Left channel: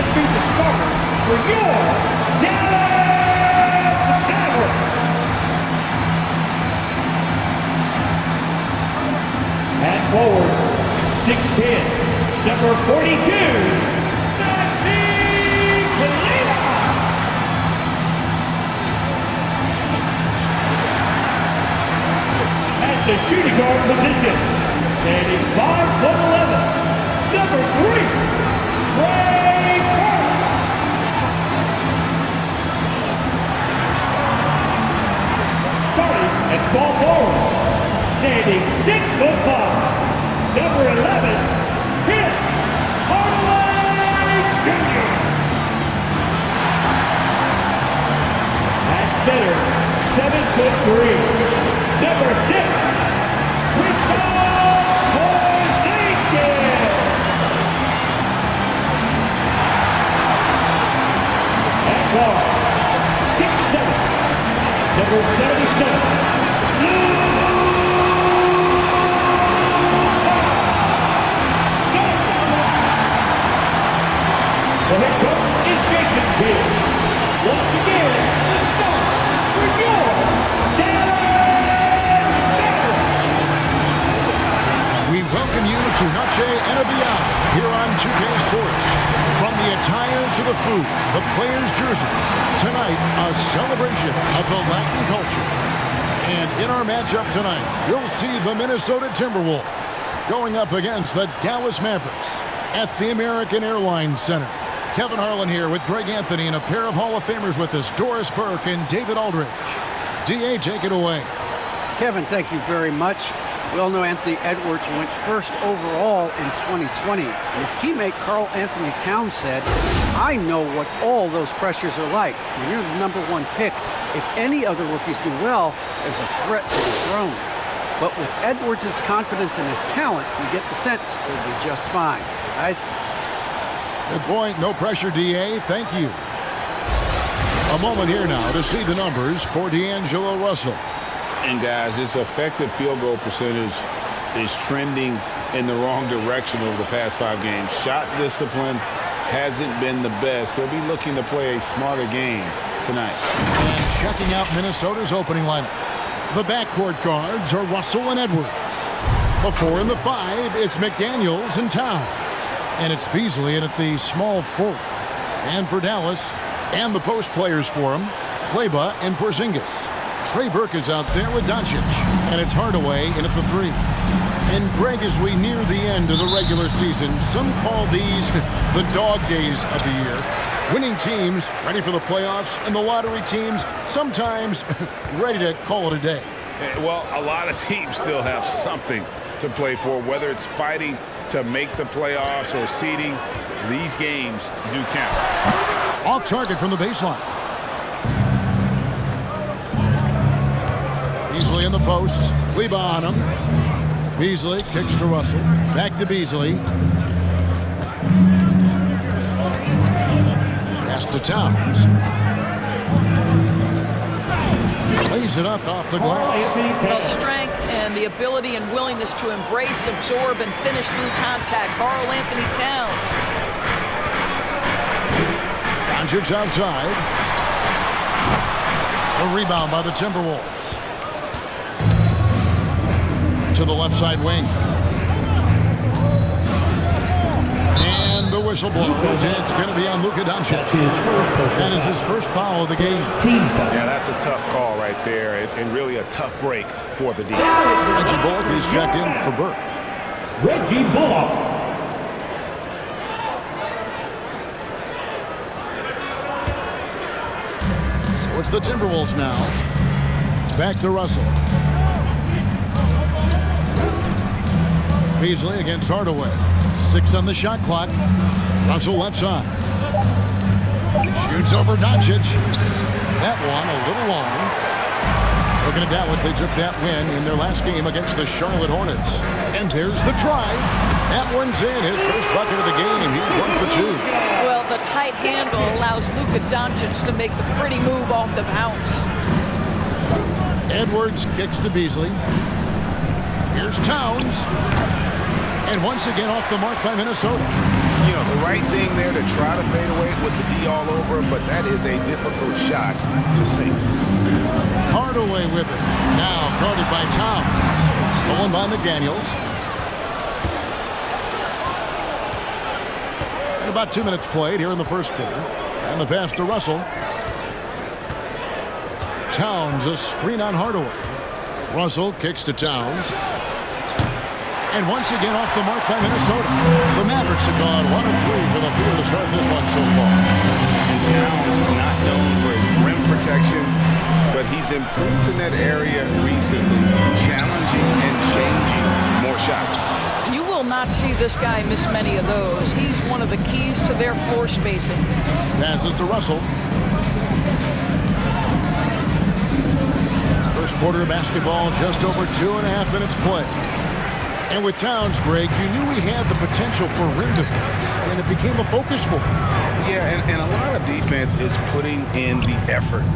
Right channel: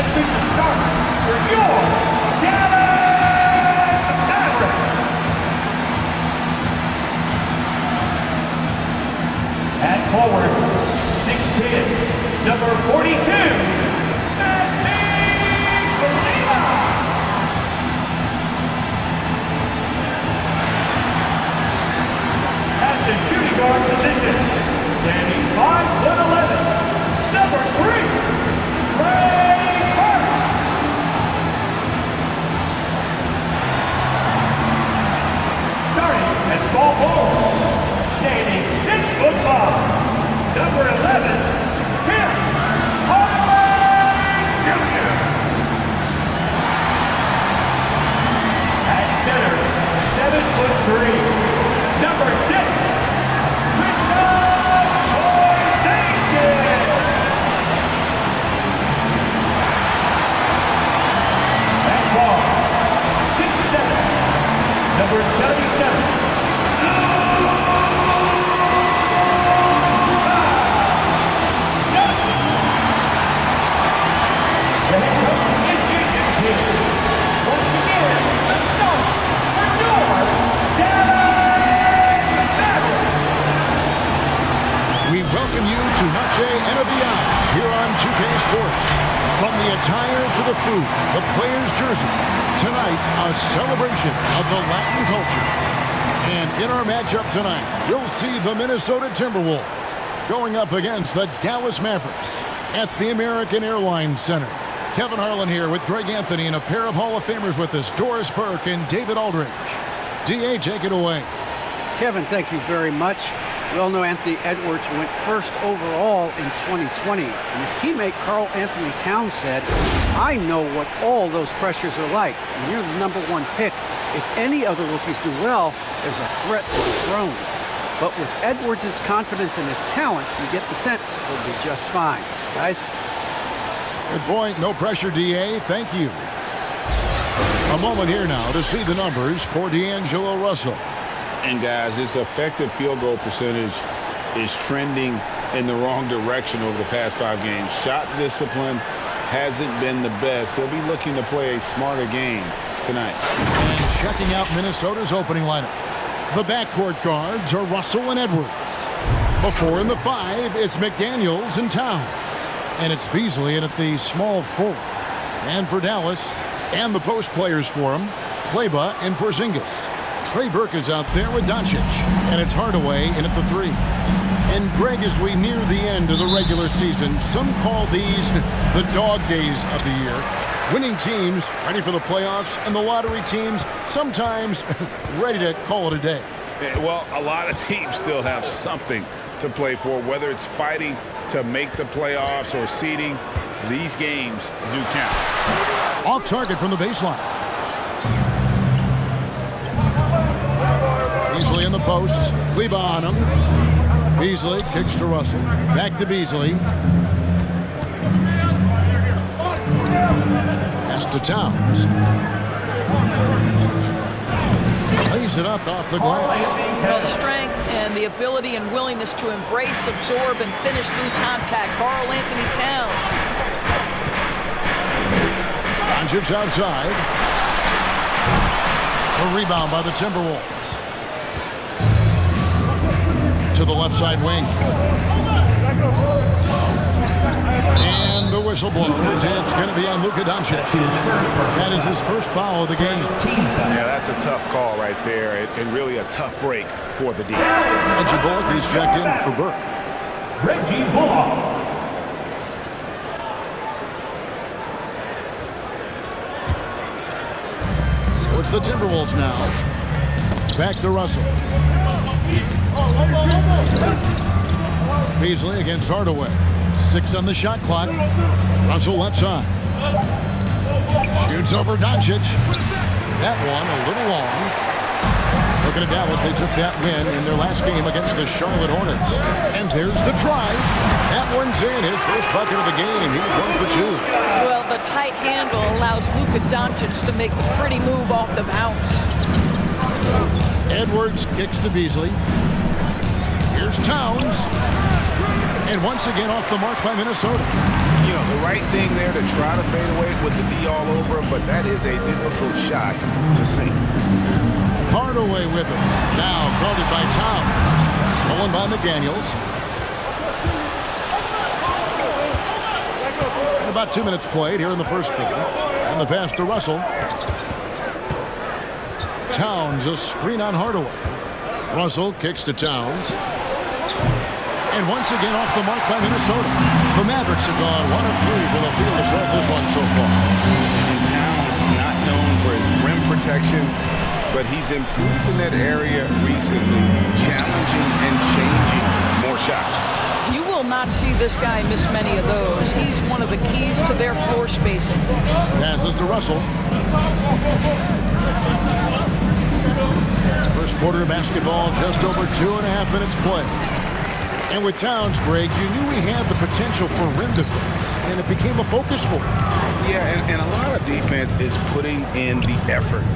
let's meet the starter for your Dallas Mavericks. At forward, 6'10", number 42, Maxi Kalina. At the shooting guard position, standing 5'11", number 3, Trey Burke. Starting at small forward, standing 6'5", number 11, Tim Hardaway Jr. At center, 7'3", number 6, guard, 6'7", number 77, Luka Doncic. The head coach is Jason Kidd. Once again, the start for your Dallas Mavericks. We welcome you to Noche and Beyond here on 2K Sports. From the attire to the food, the players' jerseys, tonight a celebration of the Latin culture. And in our matchup tonight, you'll see the Minnesota Timberwolves going up against the Dallas Mavericks at the American Airlines Center. Kevin Harlan here with Greg Anthony and a pair of Hall of Famers with us, Doris Burke and David Aldridge. D.A., take it away. Kevin, thank you very much. We all know Anthony Edwards went first overall in 2020, and his teammate Karl Anthony Towns said, I know what all those pressures are like. When you're the #1 pick, if any other rookies do well, there's a threat to the throne. But with Edwards' confidence in his talent, you get the sense he'll be just fine. Guys? Good point. No pressure, D.A. Thank you. A moment here now to see the numbers for D'Angelo Russell. And guys, his effective field goal percentage is trending in the wrong direction over the past 5 games. Shot discipline hasn't been the best. He'll be looking to play a smarter game tonight. And checking out Minnesota's opening lineup. The backcourt guards are Russell and Edwards. The 4 and the 5, it's McDaniels and Towns. And it's Beasley in at the small forward. And for Dallas, and the post players for him, Kleber and Porzingis. Trey Burke is out there with Doncic, and it's Hardaway in at the 3. And Greg, as we near the end of the regular season, some call these the dog days of the year. Winning teams ready for the playoffs, and the lottery teams sometimes ready to call it a day. Well, a lot of teams still have something to play for, whether it's fighting to make the playoffs or seeding. These games do count. Off target from the baseline. Beasley in the post. Kleber on him. Beasley kicks to Russell. Back to Beasley. Pass to Towns. Plays it up off the glass. The strength and the ability and willingness to embrace, absorb, and finish through contact. Karl Anthony Towns. Doncic outside. A rebound by the Timberwolves. To the left side wing. And the whistle blows. It's going to be on Luka Doncic. That is his first foul of the game. Yeah, that's a tough call right there, and really a tough break for the defense. Reggie Bullock, he's checked in for Burke. Reggie Bullock. So it's the Timberwolves now. Back to Russell. Beasley against Hardaway. 6 on the shot clock. Russell left side. Shoots over Doncic. That one a little long. Looking at Dallas, they took that win in their last game against the Charlotte Hornets. And there's the drive. That one's in. His first bucket of the game. He's 1 for 2. Well, the tight handle allows Luka Doncic to make the pretty move off the bounce. Edwards kicks to Beasley. Here's Towns. And once again off the mark by Minnesota. You know, the right thing there to try to fade away with the D all over, but that is a difficult shot to sink. Hardaway with it. Now guarded by Towns. Stolen by McDaniels. And about 2 minutes played here in the first quarter. And the pass to Russell. Towns, a screen on Hardaway. Russell kicks to Towns. And once again off the mark by Minnesota. The Mavericks have gone 1 of 3 for the field to start this one so far. And Towns, not known for his rim protection, but he's improved in that area recently, challenging and changing more shots. You will not see this guy miss many of those. He's one of the keys to their floor spacing. Passes to Russell. First quarter of basketball, just over 2.5 minutes played. And with Towns, Greg, you knew he had the potential for rim defense, and it became a focus for him. Yeah, and a lot of defense is putting in the effort.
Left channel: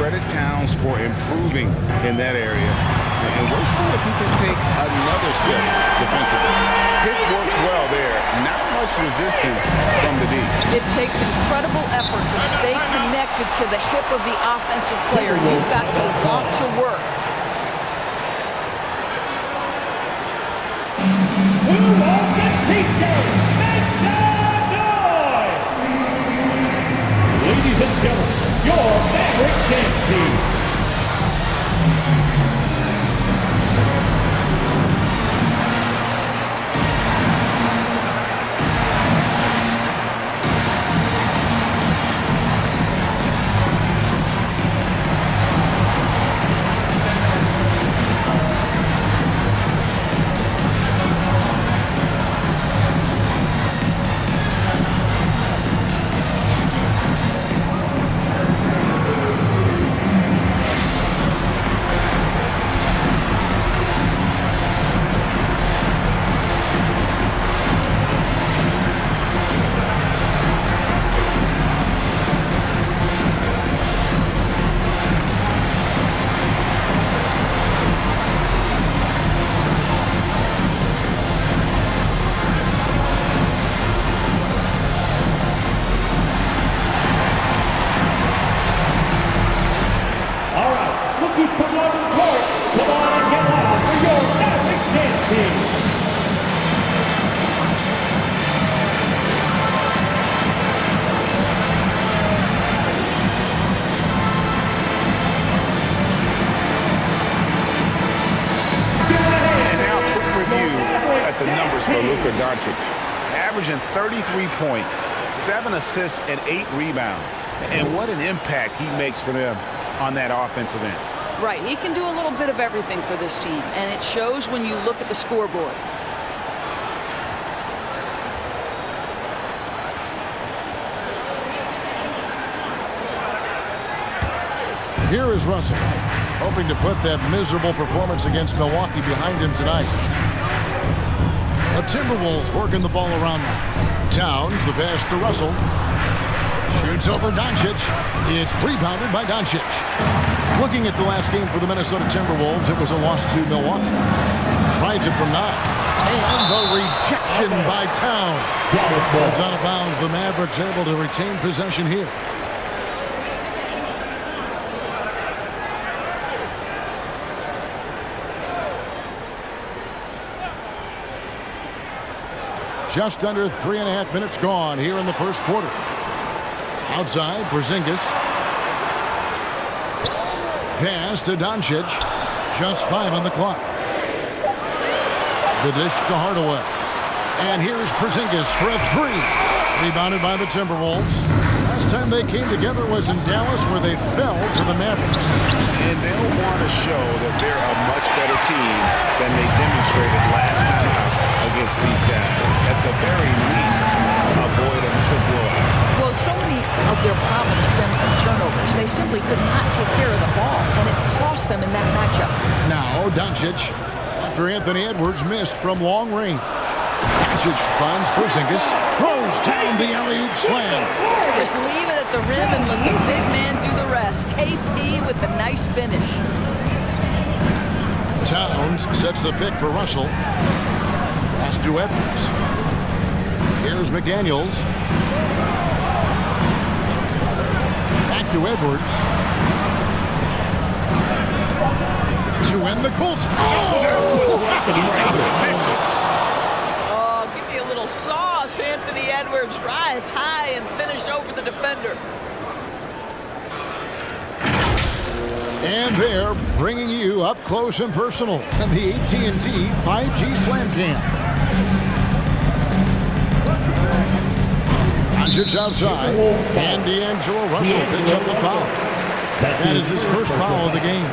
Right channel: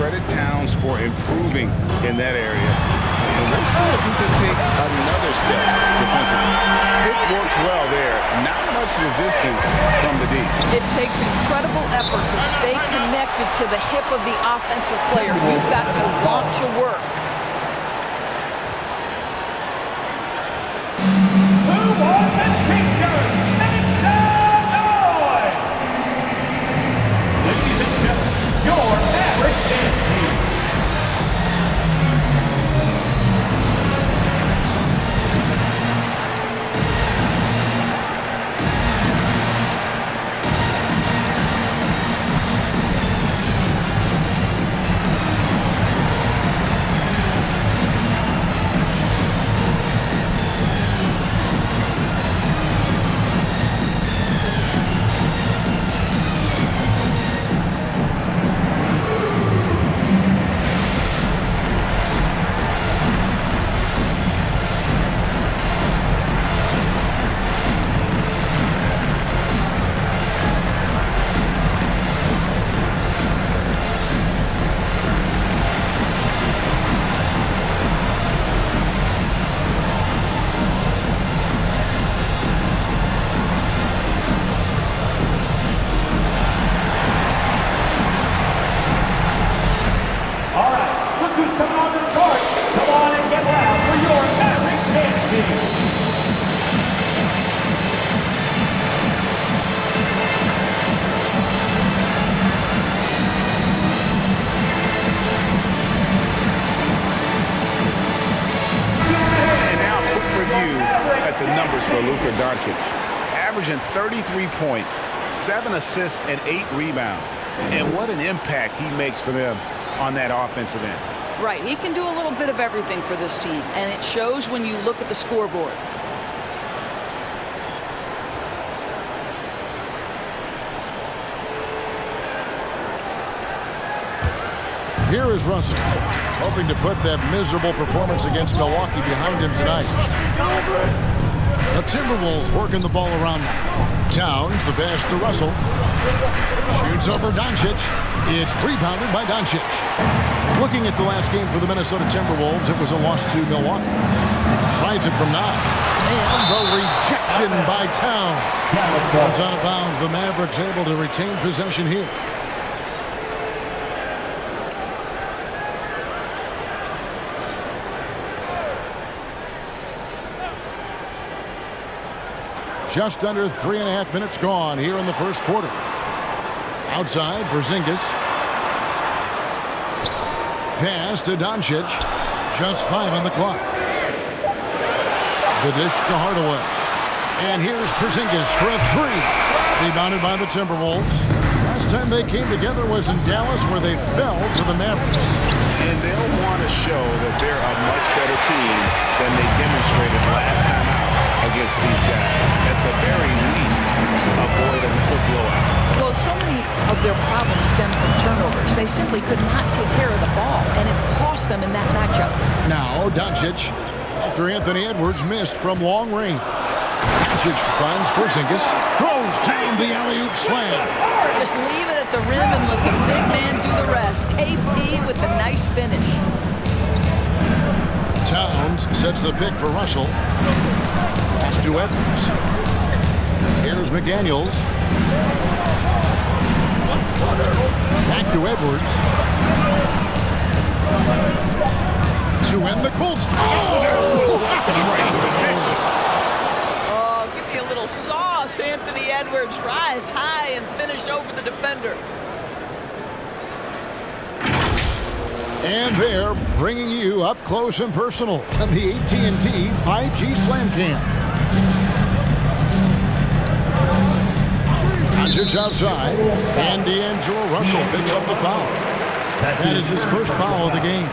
Credit Towns for improving in that area. And we'll see if he can take another step defensively. Pick works well there. Not much resistance from the D. It takes incredible effort to stay connected to the hip of the offensive player. You've got to want to work. Who wants a t-shirt? Make some noise! Ladies and gentlemen, your Mavericks dance team. Who's coming onto the court? Come on and get loud for your Mavericks dance team. And now a quick review at the numbers for Luka Doncic. Averaging 33 points, 7 assists, and 8 rebounds. And what an impact he makes for them on that offensive end. Right, he can do a little bit of everything for this team, and it shows when you look at the scoreboard. Here is Russell, hoping to put that miserable performance against Milwaukee behind him tonight. The Timberwolves working the ball around now. Towns, the pass to Russell. Shoots over Doncic. It's rebounded by Doncic. Looking at the last game for the Minnesota Timberwolves, it was a loss to Milwaukee. Tries it from 9. And the rejection by Towns. It's out of bounds. The Mavericks able to retain possession here. Just under 3.5 minutes gone here in the first quarter. Outside, Porzingis. Pass to Doncic. Just 5 on the clock. The dish to Hardaway. And here's Porzingis for a 3. Rebounded by the Timberwolves. Last time they came together was in Dallas, where they fell to the Mavericks. And they'll want to show that they're a much better team than they demonstrated last time out against these guys. At the very least, avoid another blowout. Well, so many of their problems stem from turnovers. They simply could not take care of the ball, and it cost them in that matchup. Now, Doncic, after Anthony Edwards missed from long range. Doncic finds Porzingis, throws down the alley-oop slam. Just leave it at the rim and let the big man do the rest. KP with the nice finish. Towns sets the pick for Russell. Pass to Edwards. Here's Here's McDaniels. Back to Edwards. To end the Colts. Oh, give me a little sauce, Anthony Edwards. Rise high and finish over the defender. And they're bringing you up close and personal on the AT&T 5G Slam Cam. Doncic outside, and D'Angelo Russell picks up the foul. That is his first foul of the game.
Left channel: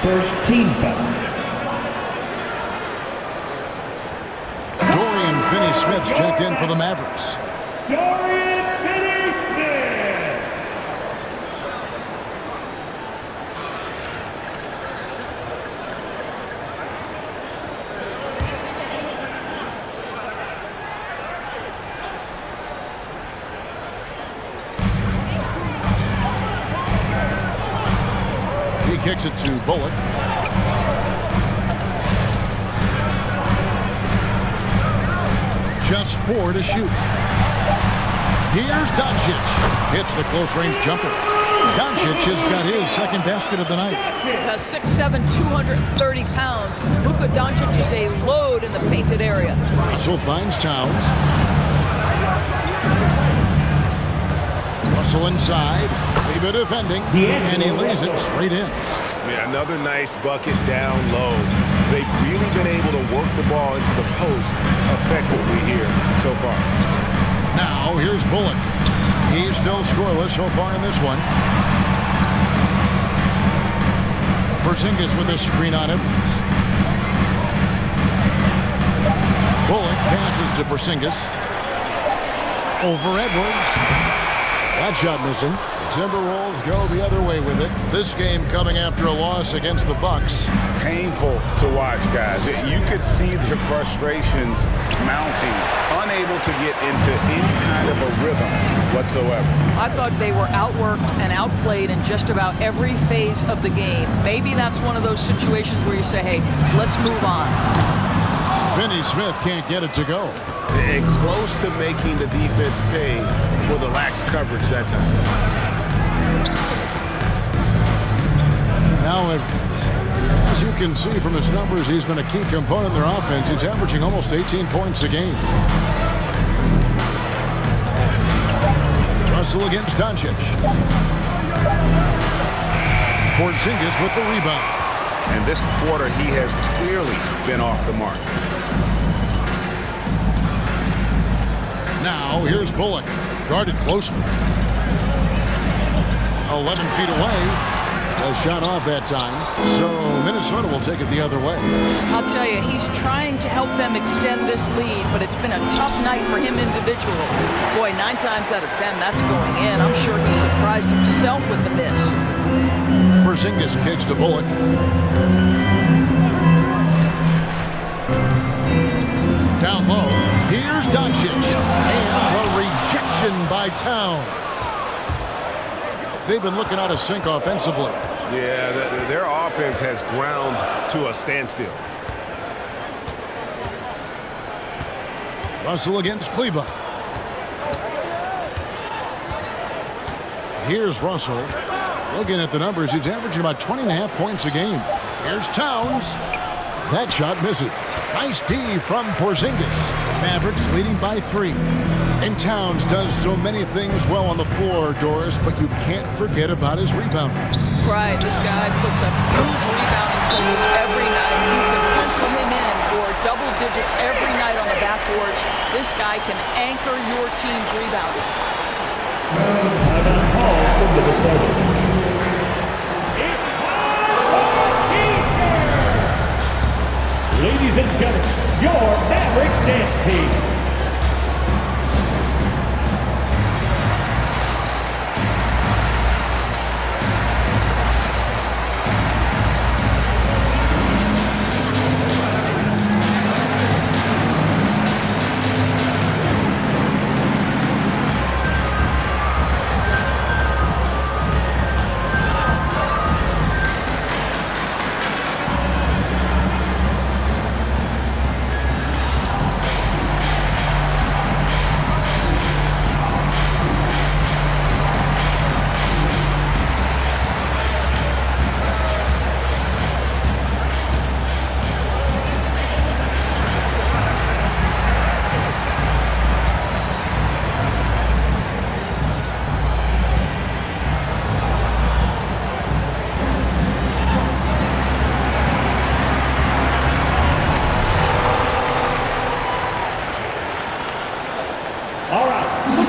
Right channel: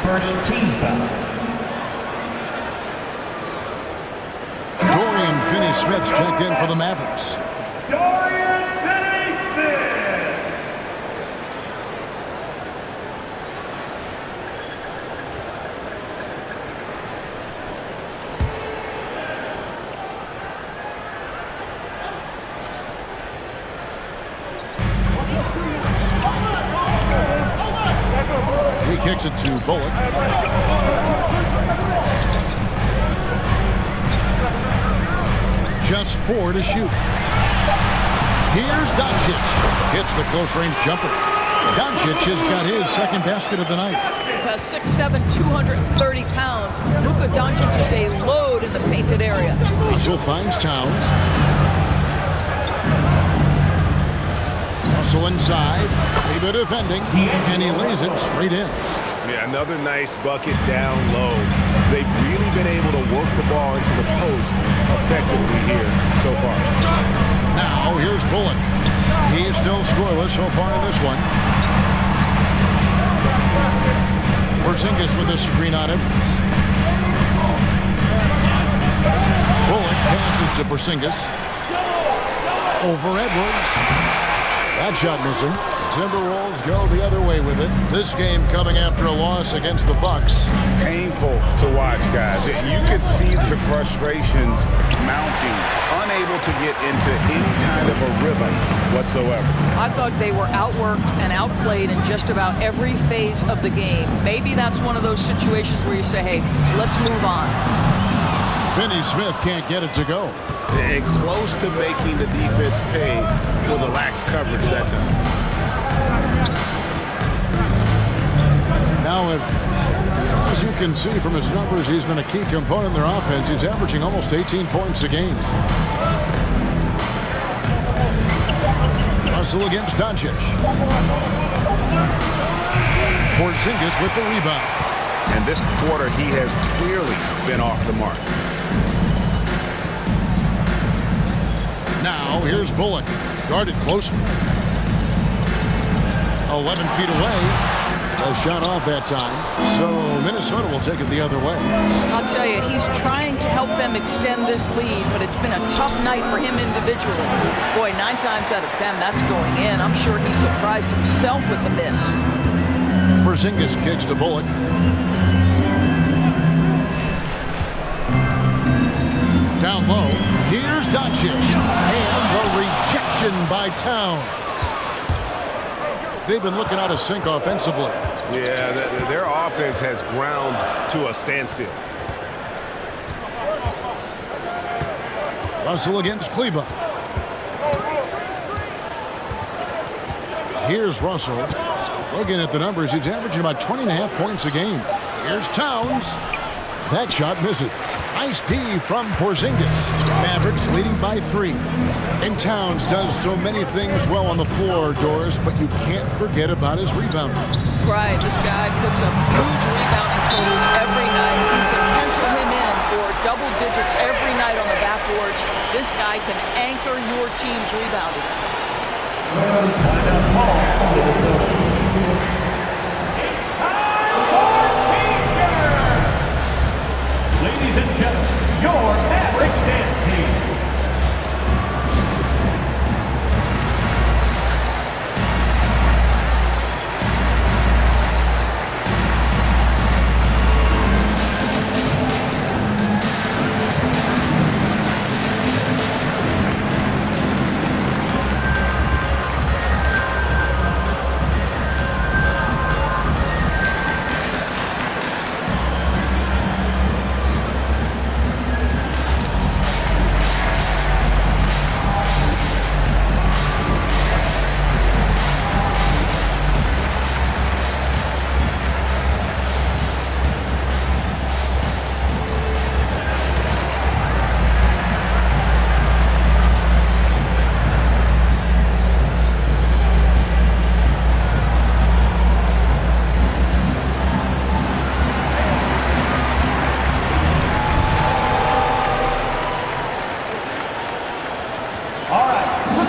First team foul. Dorian Finney-Smith's checked in for the Mavericks. Dorian Finney-Smith. He kicks it to Bullock. Just 4 to shoot. Here's Doncic. Hits the close-range jumper. Doncic has got his second basket of the night. 6'7", 230 pounds. Luka Doncic is a load in the painted area. Russell finds Towns. Russell inside. Kleber defending. And he lays it straight in. Yeah, another nice bucket down low. They've really been able to work the ball into the post effectively here so far. Now, here's Bullock. He's still scoreless so far in this one. Porzingis with a screen on Edwards. Bullock passes to Porzingis. Over Edwards. That shot missing. The Timberwolves go the other way with it. This game coming after a loss against the Bucks. Painful to watch, guys. You could see their frustrations mounting, unable to get into any kind of a rhythm whatsoever. I thought they were outworked and outplayed in just about every phase of the game. Maybe that's one of those situations where you say, hey, let's move on. Finney-Smith can't get it to go. And close to making the defense pay for the lax coverage that time. Now, as you can see from his numbers, he's been a key component in their offense. He's averaging almost 18 points a game. Russell against Doncic. Porzingis with the rebound. And this quarter, he has clearly been off the mark. Now, here's Bullock. Guarded closely. 11 feet away. A shot off that time. So Minnesota will take it the other way. I'll tell you, he's trying to help them extend this lead, but it's been a tough night for him individually. Boy, 9 times out of 10, that's going in. I'm sure he surprised himself with the miss. Porzingis kicks to Bullock. Down low, here's Doncic. And the rejection by Towns. They've been looking out of sync offensively. Yeah, their offense has ground to a standstill. Russell against Kleber. Here's Russell. Looking at the numbers, he's averaging about 20.5 points a game. Here's Towns. That shot misses. Nice D from Porzingis. Mavericks leading by 3. And Towns does so many things well on the floor, Doris, but you can't forget about his rebounding. Right, this guy puts up huge rebounding totals every night. You can pencil him in for double digits every night on the backboards. This guy can anchor your team's rebounding. Timeout call for Minnesota. It's time for T-shirts! Ladies and gentlemen, your Mavericks dance team.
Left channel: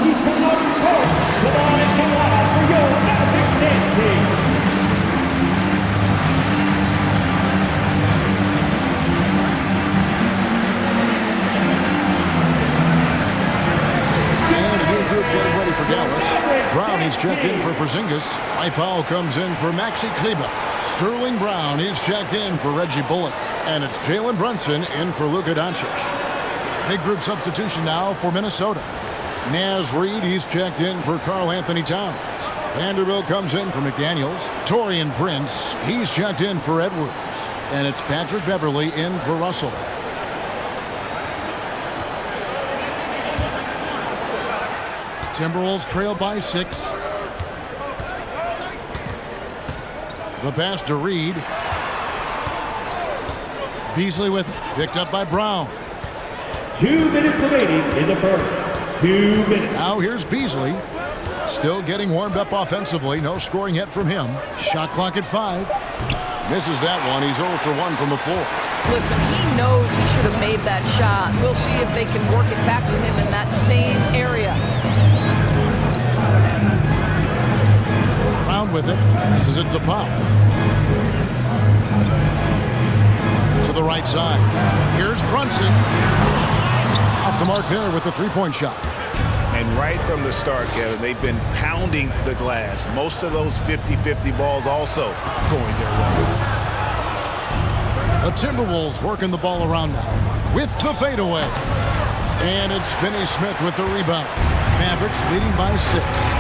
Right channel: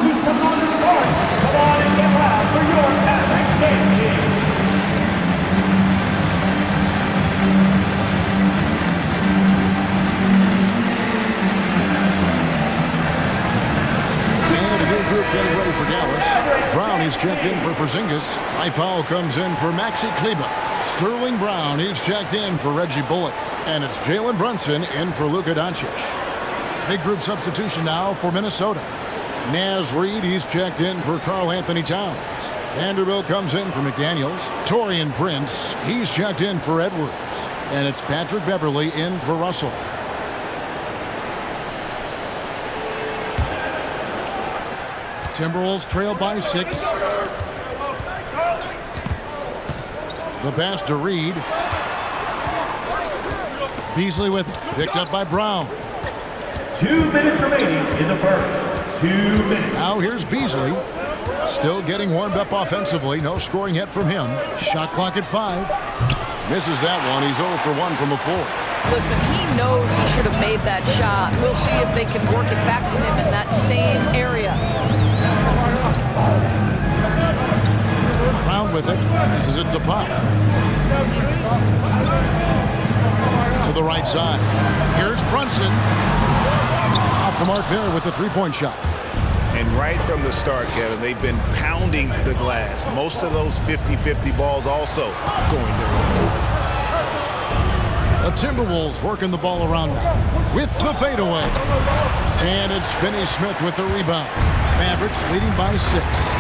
He's coming out of the court. Come on and get loud for your Mavericks dance team. And a new group getting ready for Dallas. Brown is checked in for Porzingis. Powell comes in for Maxi Kleber. Sterling Brown is checked in for Reggie Bullock. And it's Jalen Brunson in for Luka Doncic. Big group substitution now for Minnesota. Naz Reid, he's checked in for Karl Anthony Towns. Vanderbilt comes in for McDaniels. Taurean Prince, he's checked in for Edwards. And it's Patrick Beverley in for Russell. Timberwolves trail by 6. The pass to Reid. Beasley with it. Picked up by Brown. 2 minutes remaining in the first. 2 minutes. Now here's Beasley. Still getting warmed up offensively. No scoring yet from him. Shot clock at 5. Misses that one. He's 0 for 1 from the floor. Listen, he knows he should have made that shot. We'll see if they can work it back to him in that same area. Brown with it. Passes it to Powell. To the right side. Here's Brunson. Off the mark there with the three-point shot. And right from the start, Kevin, they've been pounding the glass. Most of those 50-50 balls also going their way. The Timberwolves working the ball around now with the fadeaway. And it's Finney-Smith with the rebound. Mavericks leading by 6.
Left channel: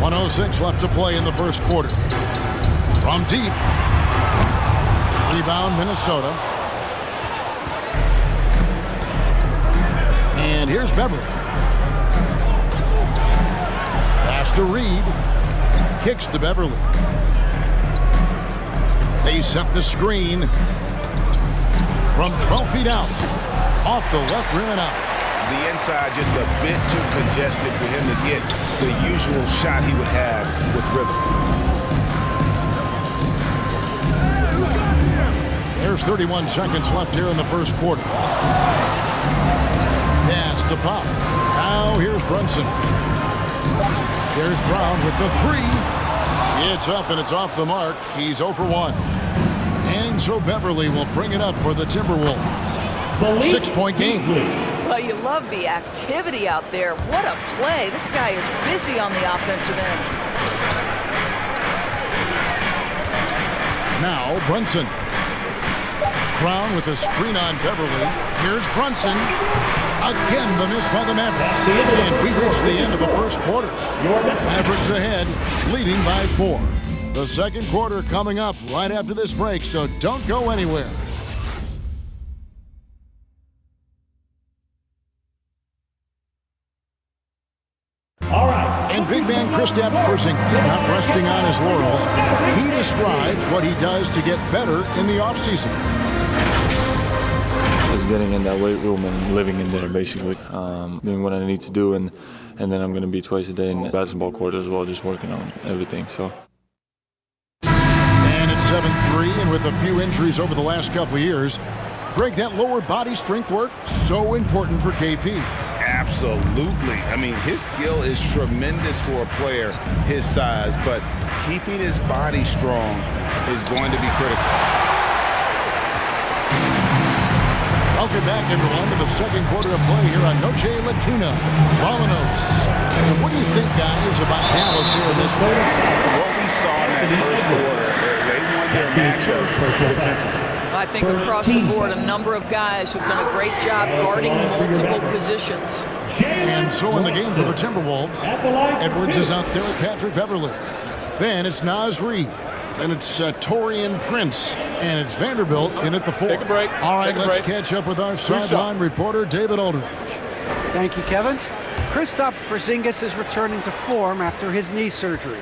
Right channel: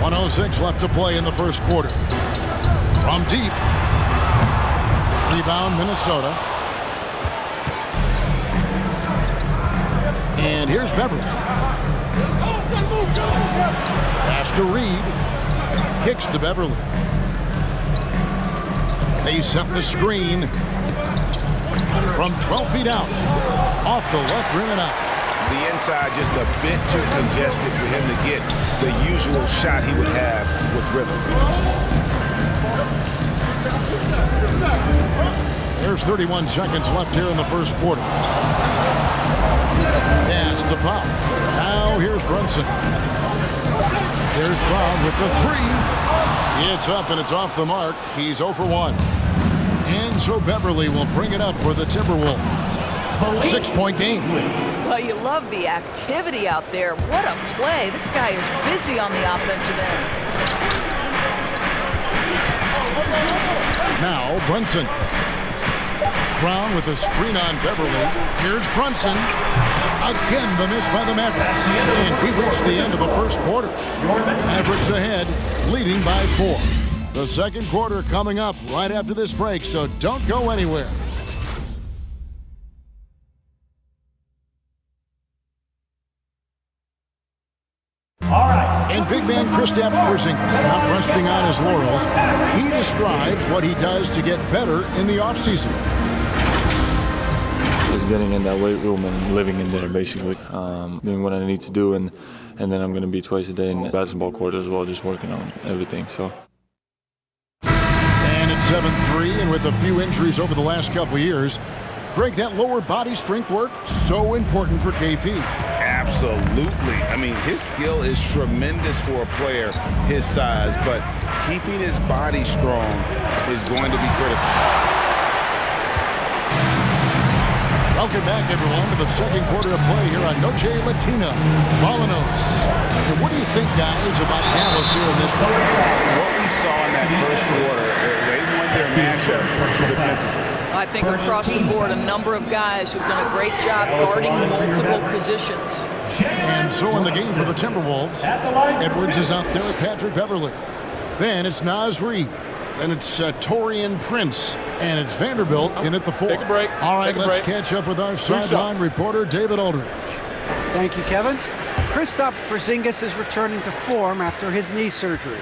1:06 left to play in the first quarter. From deep. Rebound, Minnesota. And here's Beverly. Pass to Reid. Kicks to Beverly. They set the screen from 12 feet out. Off the left rim and out. The inside just a bit too congested for him to get the usual shot he would have with rhythm. There's 31 seconds left here in the first quarter. Pass to Pop. Now here's Brunson. Here's Brown with the 3. It's up and it's off the mark. He's 0 for 1. And so Beverly will bring it up for the Timberwolves. 6-point game. Well, you love the activity out there. What a play. This guy is busy on the offensive end. Now Brunson. Brown with a screen on Beverly. Here's Brunson. Again, the miss by the Mavericks. And we reach the end of the first quarter. Mavericks ahead, leading by 4. The second quarter coming up right after this break, so don't go anywhere. All right. And big man Kristaps Porzingis not resting on his laurels. He describes what he does to get better in the offseason. Just getting in that weight room and living in there, basically. Doing what I need to do, and then I'm going to be twice a day in the basketball court as well, just working on everything. So. And it's 7-3, and with a few injuries over the last couple of years, Greg, that lower body strength work, so important for KP. Absolutely. I mean, his skill is tremendous for a player his size, but keeping his body strong is going to be critical. Welcome back, everyone, to the second quarter of play here on Noche Latina. Vamonos. And what do you think, guys, about Dallas here in this one? What we saw in that first quarter, they won their matchup defensively. I think across the board, a number of guys who've done a great job guarding multiple positions. And so in the game for the Timberwolves, Edwards is out there with Patrick Beverly. Then it's Naz Reid. Then it's Taurean Prince. And it's Vanderbilt in at the 4. Take a break. All right, let's catch up with our sideline reporter, David Aldridge. Thank you, Kevin. Kristaps Porzingis is returning to form after his knee surgery.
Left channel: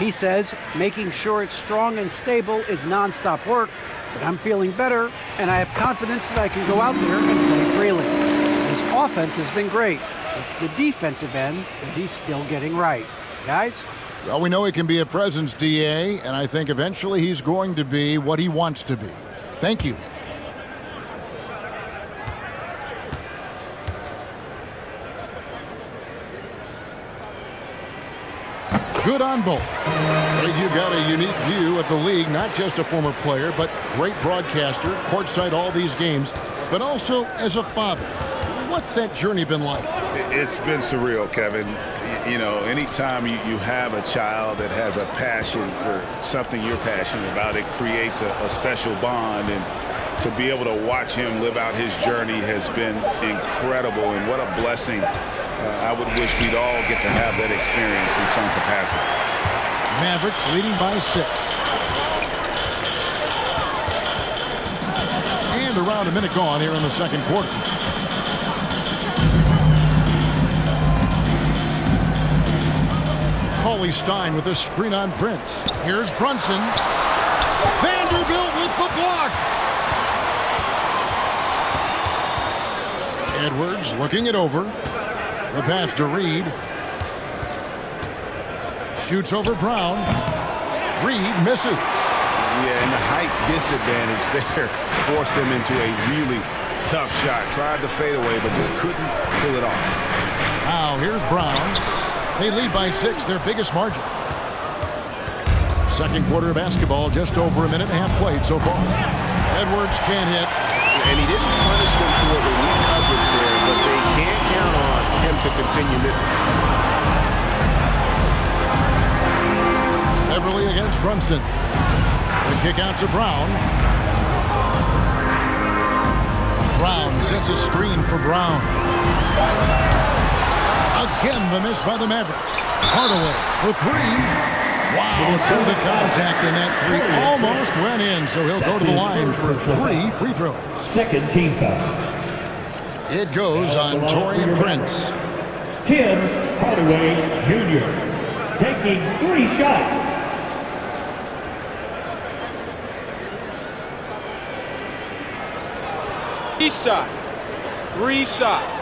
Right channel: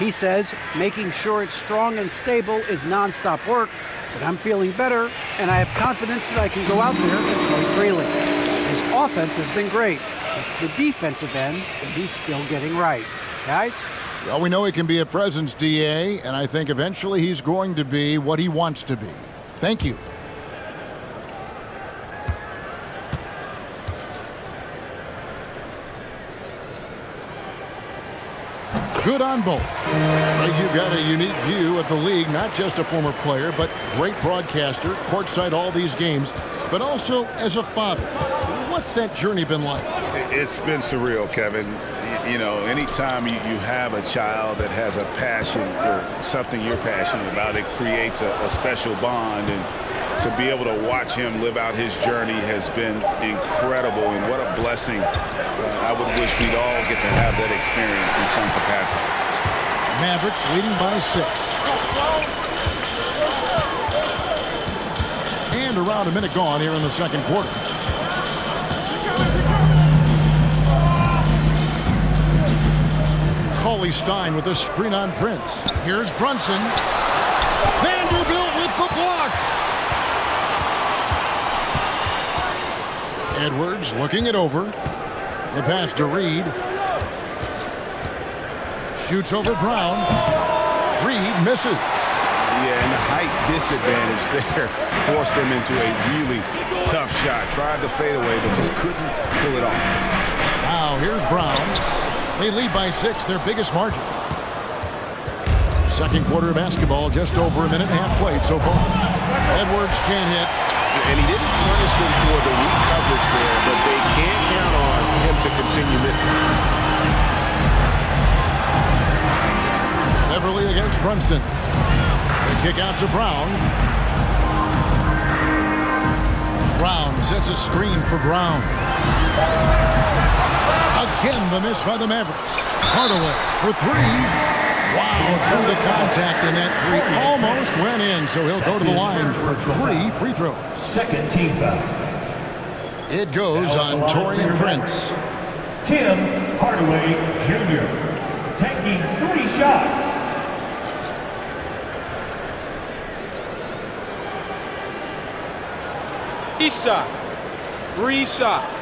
He says making sure it's strong and stable is nonstop work, but I'm feeling better, and I have confidence that I can go out there and play freely. His offense has been great. It's the defensive end that he's still getting right. Guys? Well, we know he can be a presence, DA, and I think eventually he's going to be what he wants to be. Thank you. Good on both. Well, you've got a unique view of the league, not just a former player, but great broadcaster, courtside all these games, but also as a father. What's that journey been like? It's been surreal, Kevin. You know, anytime you have a child that has a passion for something you're passionate about, it creates a special bond. And to be able to watch him live out his journey has been incredible. And what a blessing. I would wish we'd all get to have that experience in some capacity. Mavericks leading by 6. And around a minute gone here in the second quarter. Cauley Stein with a screen on Prince. Here's Brunson. Vanderbilt with the block. Edwards looking it over. The pass to Reed. Shoots over Brown. Reed misses. Yeah, and the height disadvantage there forced him into a really tough shot. Tried to fade away, but just couldn't pull it off. Now here's Brown. They lead by 6, their biggest margin. Second quarter of basketball, just over a minute and a half played so far. Edwards can't hit. And he didn't punish them for the weak coverage there, but they can't count on him to continue missing. Beverly against Brunson. The kick out to Brown. Brown sets a screen for Brown. Again, the miss by the Mavericks. Hardaway for 3. Wow, through the contact, and that 3 almost went in, so he'll go to the line for 3 free throws. Second team foul. It goes on Taurean Prince. Tim Hardaway Jr. taking 3 shots. Three shots.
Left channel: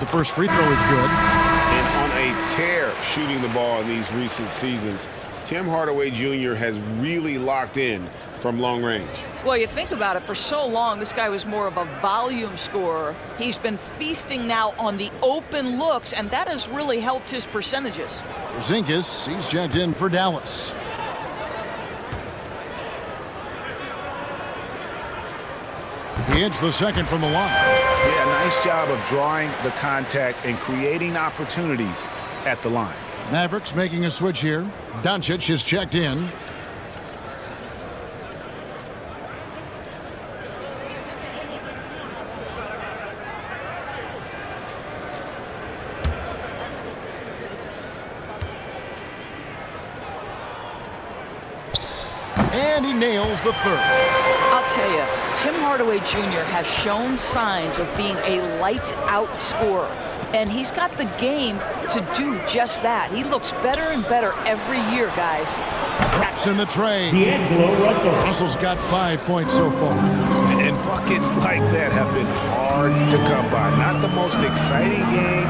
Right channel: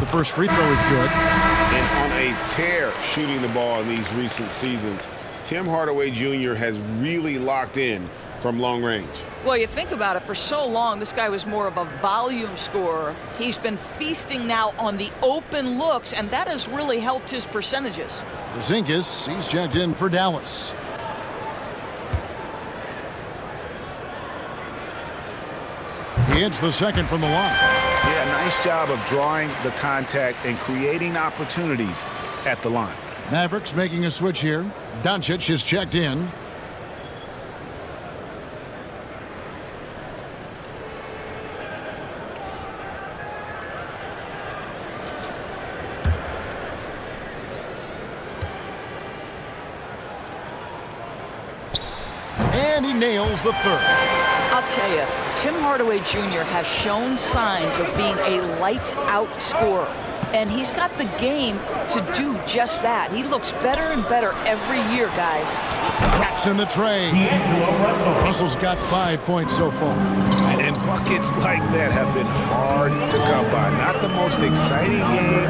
The first free throw is good. And on a tear shooting the ball in these recent seasons, Tim Hardaway Jr. has really locked in from long range. Well, you think about it, for so long, this guy was more of a volume scorer. He's been feasting now on the open looks, and that has really helped his percentages. Porzingis, he's checked in for Dallas. He hits the second from the line. Yeah, nice job of drawing the contact and creating opportunities at the line. Mavericks making a switch here. Doncic is checked in. And he nails the third. I'll tell you, Tim Hardaway Jr. has shown signs of being a lights-out scorer. And he's got the game to do just that. He looks better and better every year, guys. Traps in the tray. D'Angelo Russell. Russell's got 5 points so far. And buckets like that have been hard to come by. Not the most exciting game.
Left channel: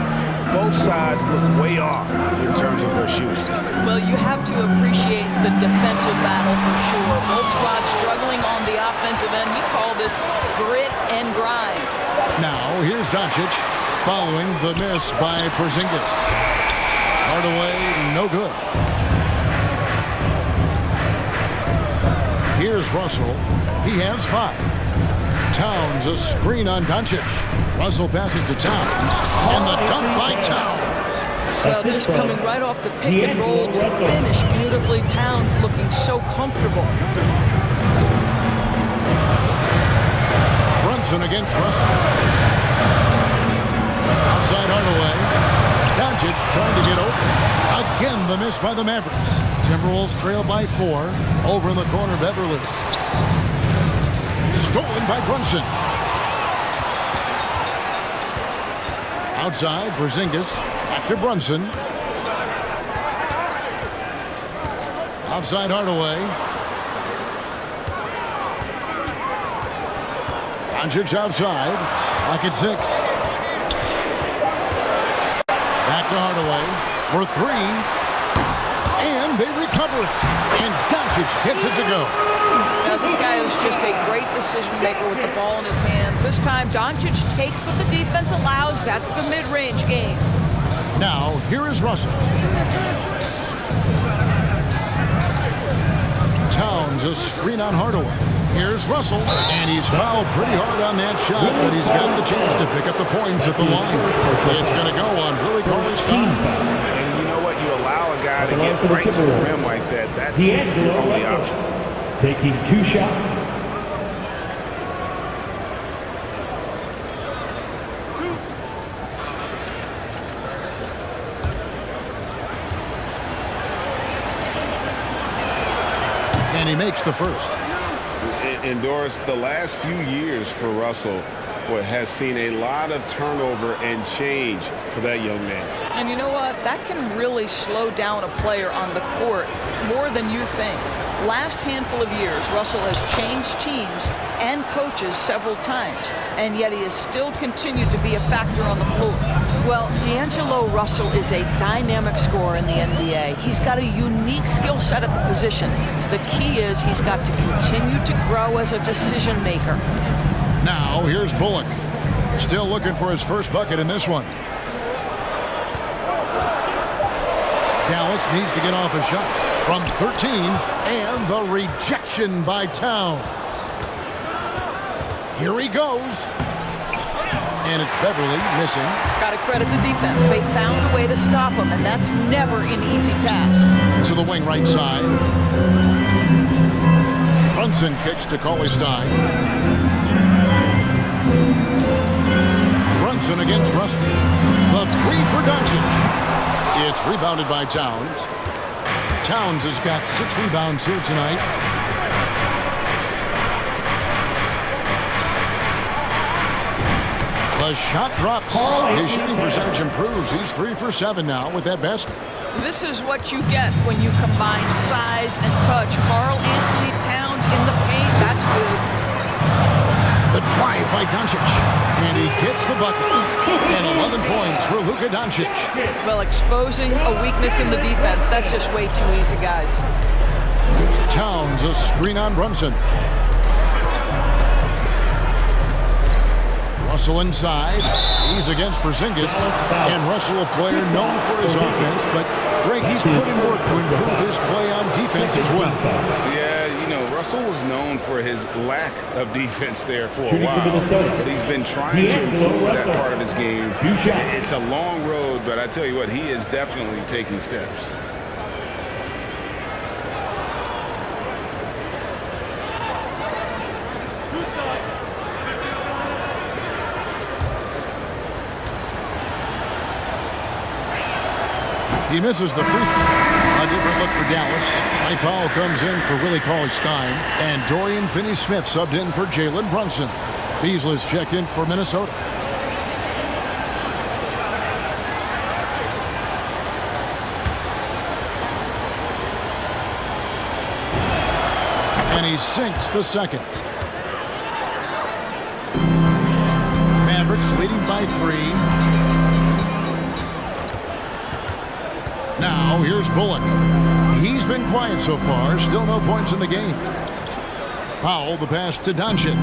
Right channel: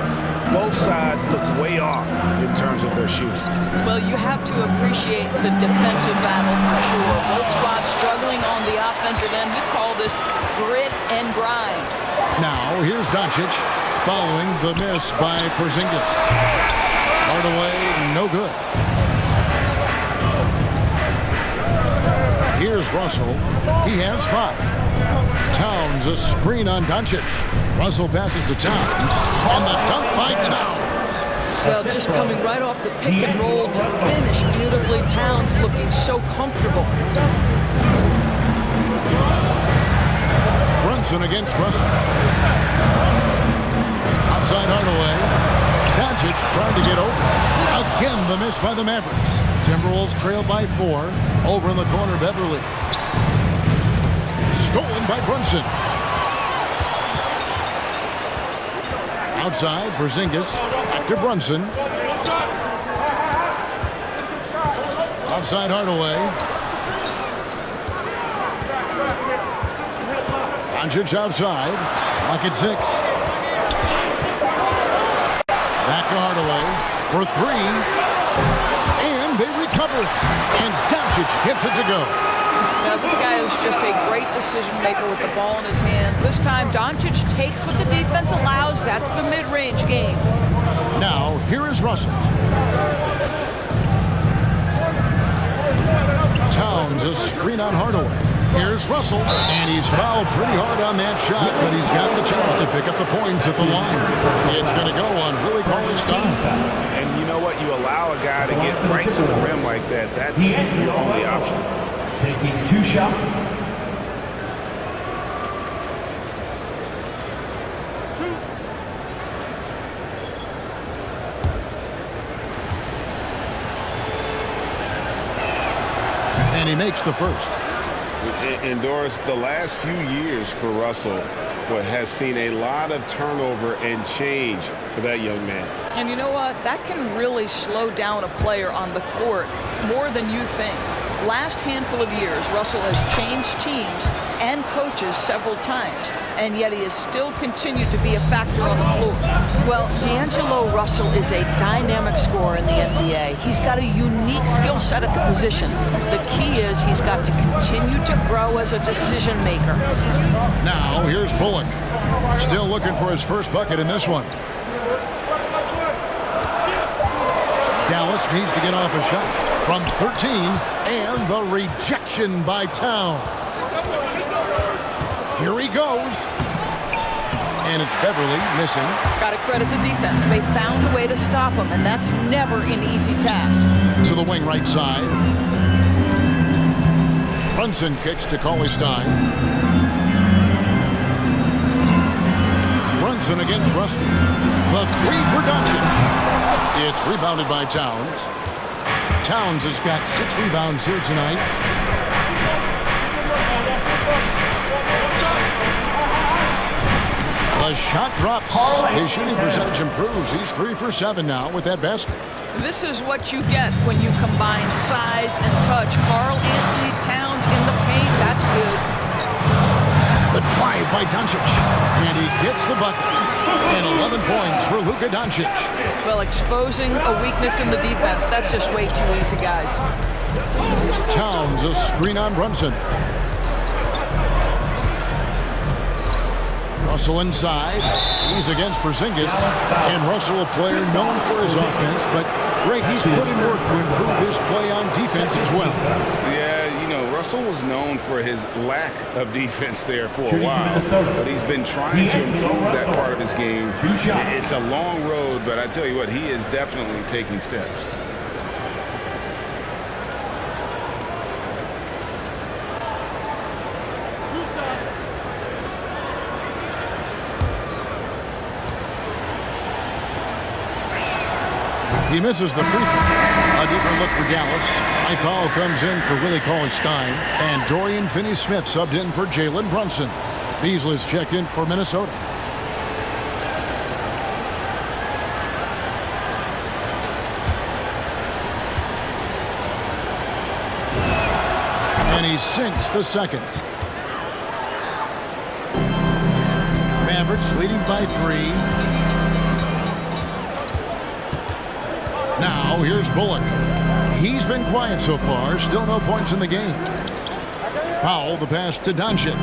Both sides look way off in terms of their shooting. Well, you have to appreciate the defensive battle for sure. Both squads struggling on the offensive end. We call this grit and grind. Now, here's Doncic following the miss by Porzingis. Hardaway, no good. Here's Russell. He has 5. Towns, a screen on Doncic. Russell passes to Towns, and the dunk by Towns. Well, just coming right off the pick and roll to finish beautifully. Towns looking so comfortable. Brunson against Russell. Outside Hardaway. Doncic trying to get open. Again, the miss by the Mavericks. Timberwolves trail by 4. Over in the corner, Beverly. Stolen by Brunson. Outside, Porzingis. Back to Brunson. Outside Hardaway. Doncic outside. Lock at 6. Back to Hardaway for 3. And they recover it. And Doncic gets it to go. Now, this guy is just a great decision maker with the ball in his hands. This time, Doncic takes what the defense allows. That's the mid-range game. Now, here is Russell. Towns, a screen on Hardaway. Here's Russell, and he's fouled pretty hard on that shot, but he's got the chance to pick up the points at the line. It's going to go on Willie Cauley's time. And you know what? You allow a guy to get right to the rim like that. That's your only option. Taking 2 shots. And he makes the first. And Doris, the last few years for Russell has seen a lot of turnover and change for that young man. And you know what? That can really slow down a player on the court more than you think. Last handful of years, Russell has changed teams and coaches several times, and yet he has still continued to be a factor on the floor. Well, D'Angelo Russell is a dynamic scorer in the NBA. He's got a unique skill set at the position. The key is he's got to continue to grow as a decision maker. Now, here's Bullock. Still looking for his first bucket in this one. Dallas needs to get off a shot from 13, and the rejection by Towns. Here he goes. And it's Beverly missing. Got to credit the defense. They found a way to stop him, and that's never an easy task. To the wing right side. Brunson kicks to Cauley-Stein. Brunson against Russell. The 3 for Doncic. It's rebounded by Towns. Towns has got 6 rebounds here tonight. The shot drops. His shooting percentage improves. He's 3 for 7 now with that basket. This is what you get when you combine size and touch. Karl Anthony Towns in the paint. That's good. The drive by Doncic. And he gets the bucket. And 11 points for Luka Doncic. Well, exposing a weakness in the defense. That's just way too easy, guys. Towns, a screen on Brunson. Russell inside. He's against Porzingis. And Russell, a player known for his offense, but Greg, he's put in work to improve his play on defense as well. Yeah, you know, Russell was known for his lack of defense there for a while, but he's been trying to improve that part of his game. It's a long road, but I tell you what, he is definitely taking steps. He misses the free throw. A different look for Dallas. Mike Powell comes in for Willie Cauley-Stein. And Dorian Finney-Smith subbed in for Jalen Brunson. Beasley's checked in for Minnesota. And he sinks the second. Mavericks leading by 3. Now, here's Bullock. He's been quiet so far. Still no points in the game. Powell, the pass to Doncic.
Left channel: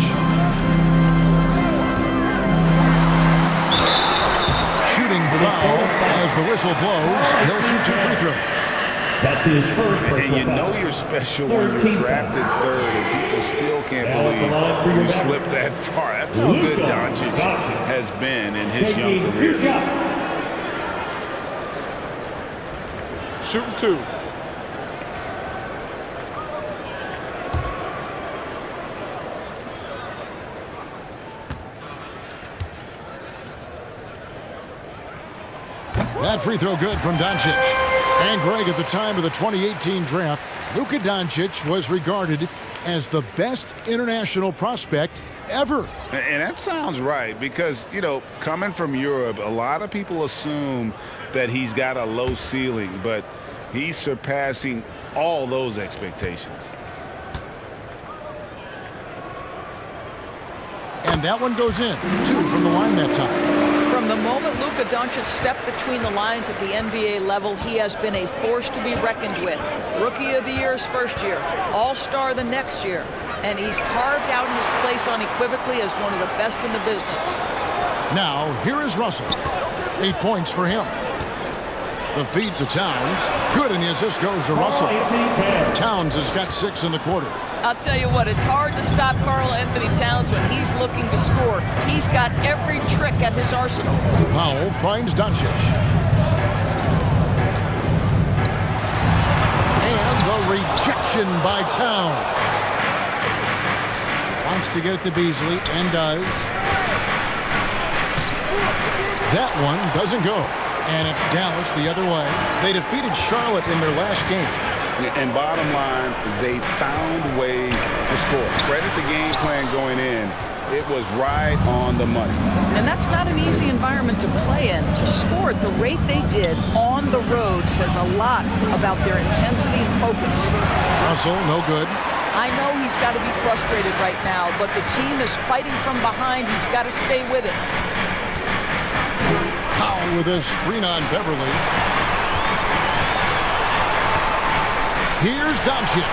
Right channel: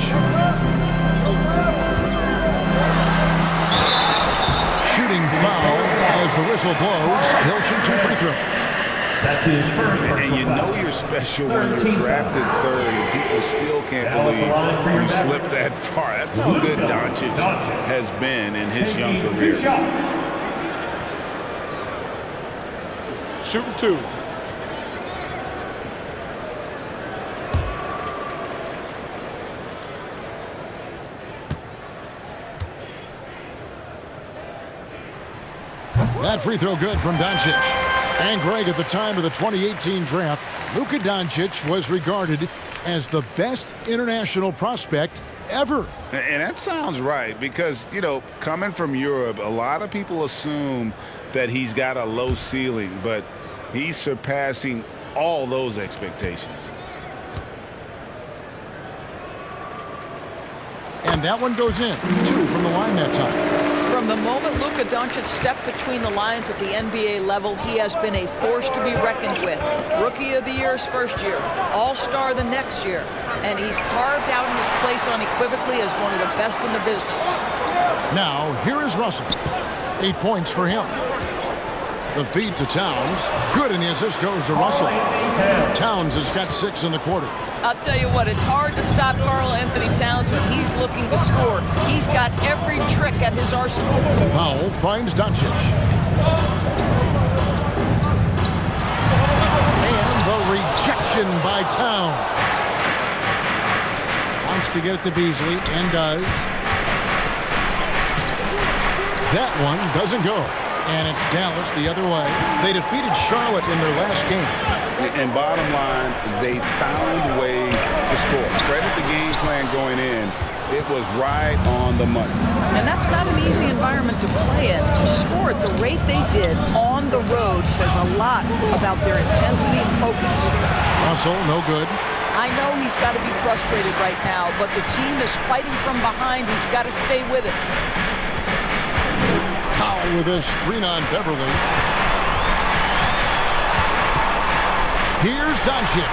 Shooting foul as the whistle blows. He'll shoot 2 free throws. That's his first personal And you know foul. you're special when you're drafted 3rd and people still can't believe you slipped that far. That's how good Doncic has been in his young Taking 2 career. shots. Shooting 2. That free throw good from Doncic. And Greg, at the time of the 2018 draft, Luka Doncic was regarded as the best international prospect ever. And that sounds right because, you know, coming from Europe, a lot of people assume that he's got a low ceiling, but he's surpassing all those expectations. And that one goes in. 2 from the line that time. From the moment Luka Doncic stepped between the lines at the NBA level, he has been a force to be reckoned with. Rookie of the Year his first year, All-Star the next year. and he's carved out his place unequivocally as one of the best in the business. Now, here is Russell. 8 points for him. The feed to Towns. Good, and the assist goes to Russell. Towns has got 6 in the quarter. I'll tell you what, it's hard to stop Karl Anthony Towns when he's looking to score. He's got every trick at his arsenal. Powell finds Doncic. And the rejection by Towns. Wants to get it to Beasley, and does. That one doesn't go. And it's Dallas the other way. They defeated Charlotte in their last game. And bottom line, they found ways to score. Credit the game plan going in. It was right on the money. And that's not an easy environment to play in. To score at the rate they did on the road says a lot about their intensity and focus. Russell, no good. I know he's got to be frustrated right now, but the team is fighting from behind. He's got to stay with it. Powell with a screen on Beverly. Here's Doncic.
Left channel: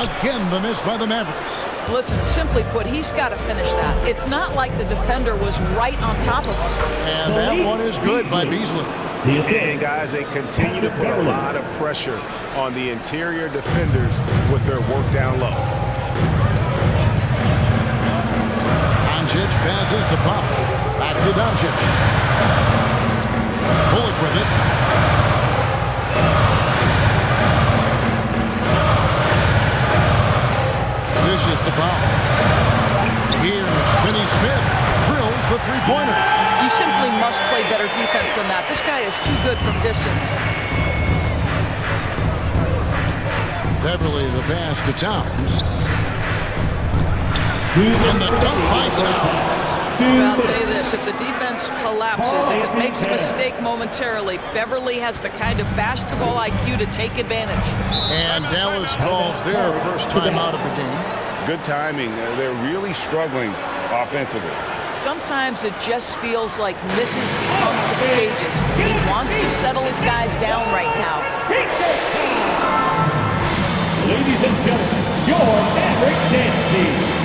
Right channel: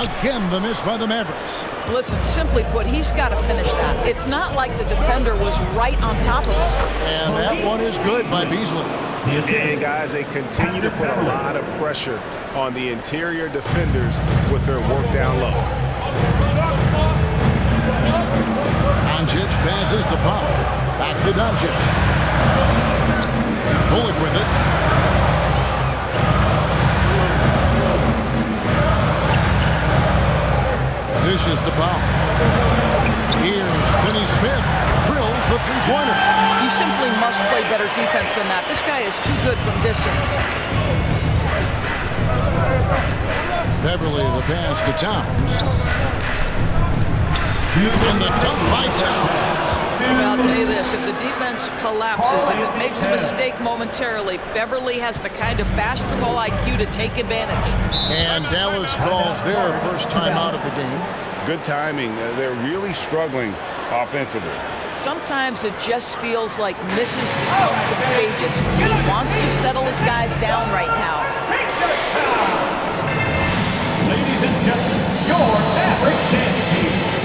Again, the miss by the Mavericks. Listen, simply put, he's got to finish that. It's not like the defender was right on top of him. And that one is good by Beasley. And guys, they continue to put a lot of pressure on the interior defenders with their work down low. Doncic passes to Powell. Back to Doncic. Bullock with it. Dishes to Powell. Here's Finney Smith. Drills the three-pointer. You simply must play better defense than that. This guy is too good from distance. Beverly the pass to Towns. And the dunk by Towns. Well, I'll tell you this, if the defense collapses, if it makes a mistake momentarily, Beverly has the kind of basketball IQ to take advantage. And Dallas calls their first time out of the game. Good timing. They're really struggling offensively. Sometimes it just feels like misses become contagious. He wants to settle his guys down right now. Ladies and gentlemen, your Mavericks dance team.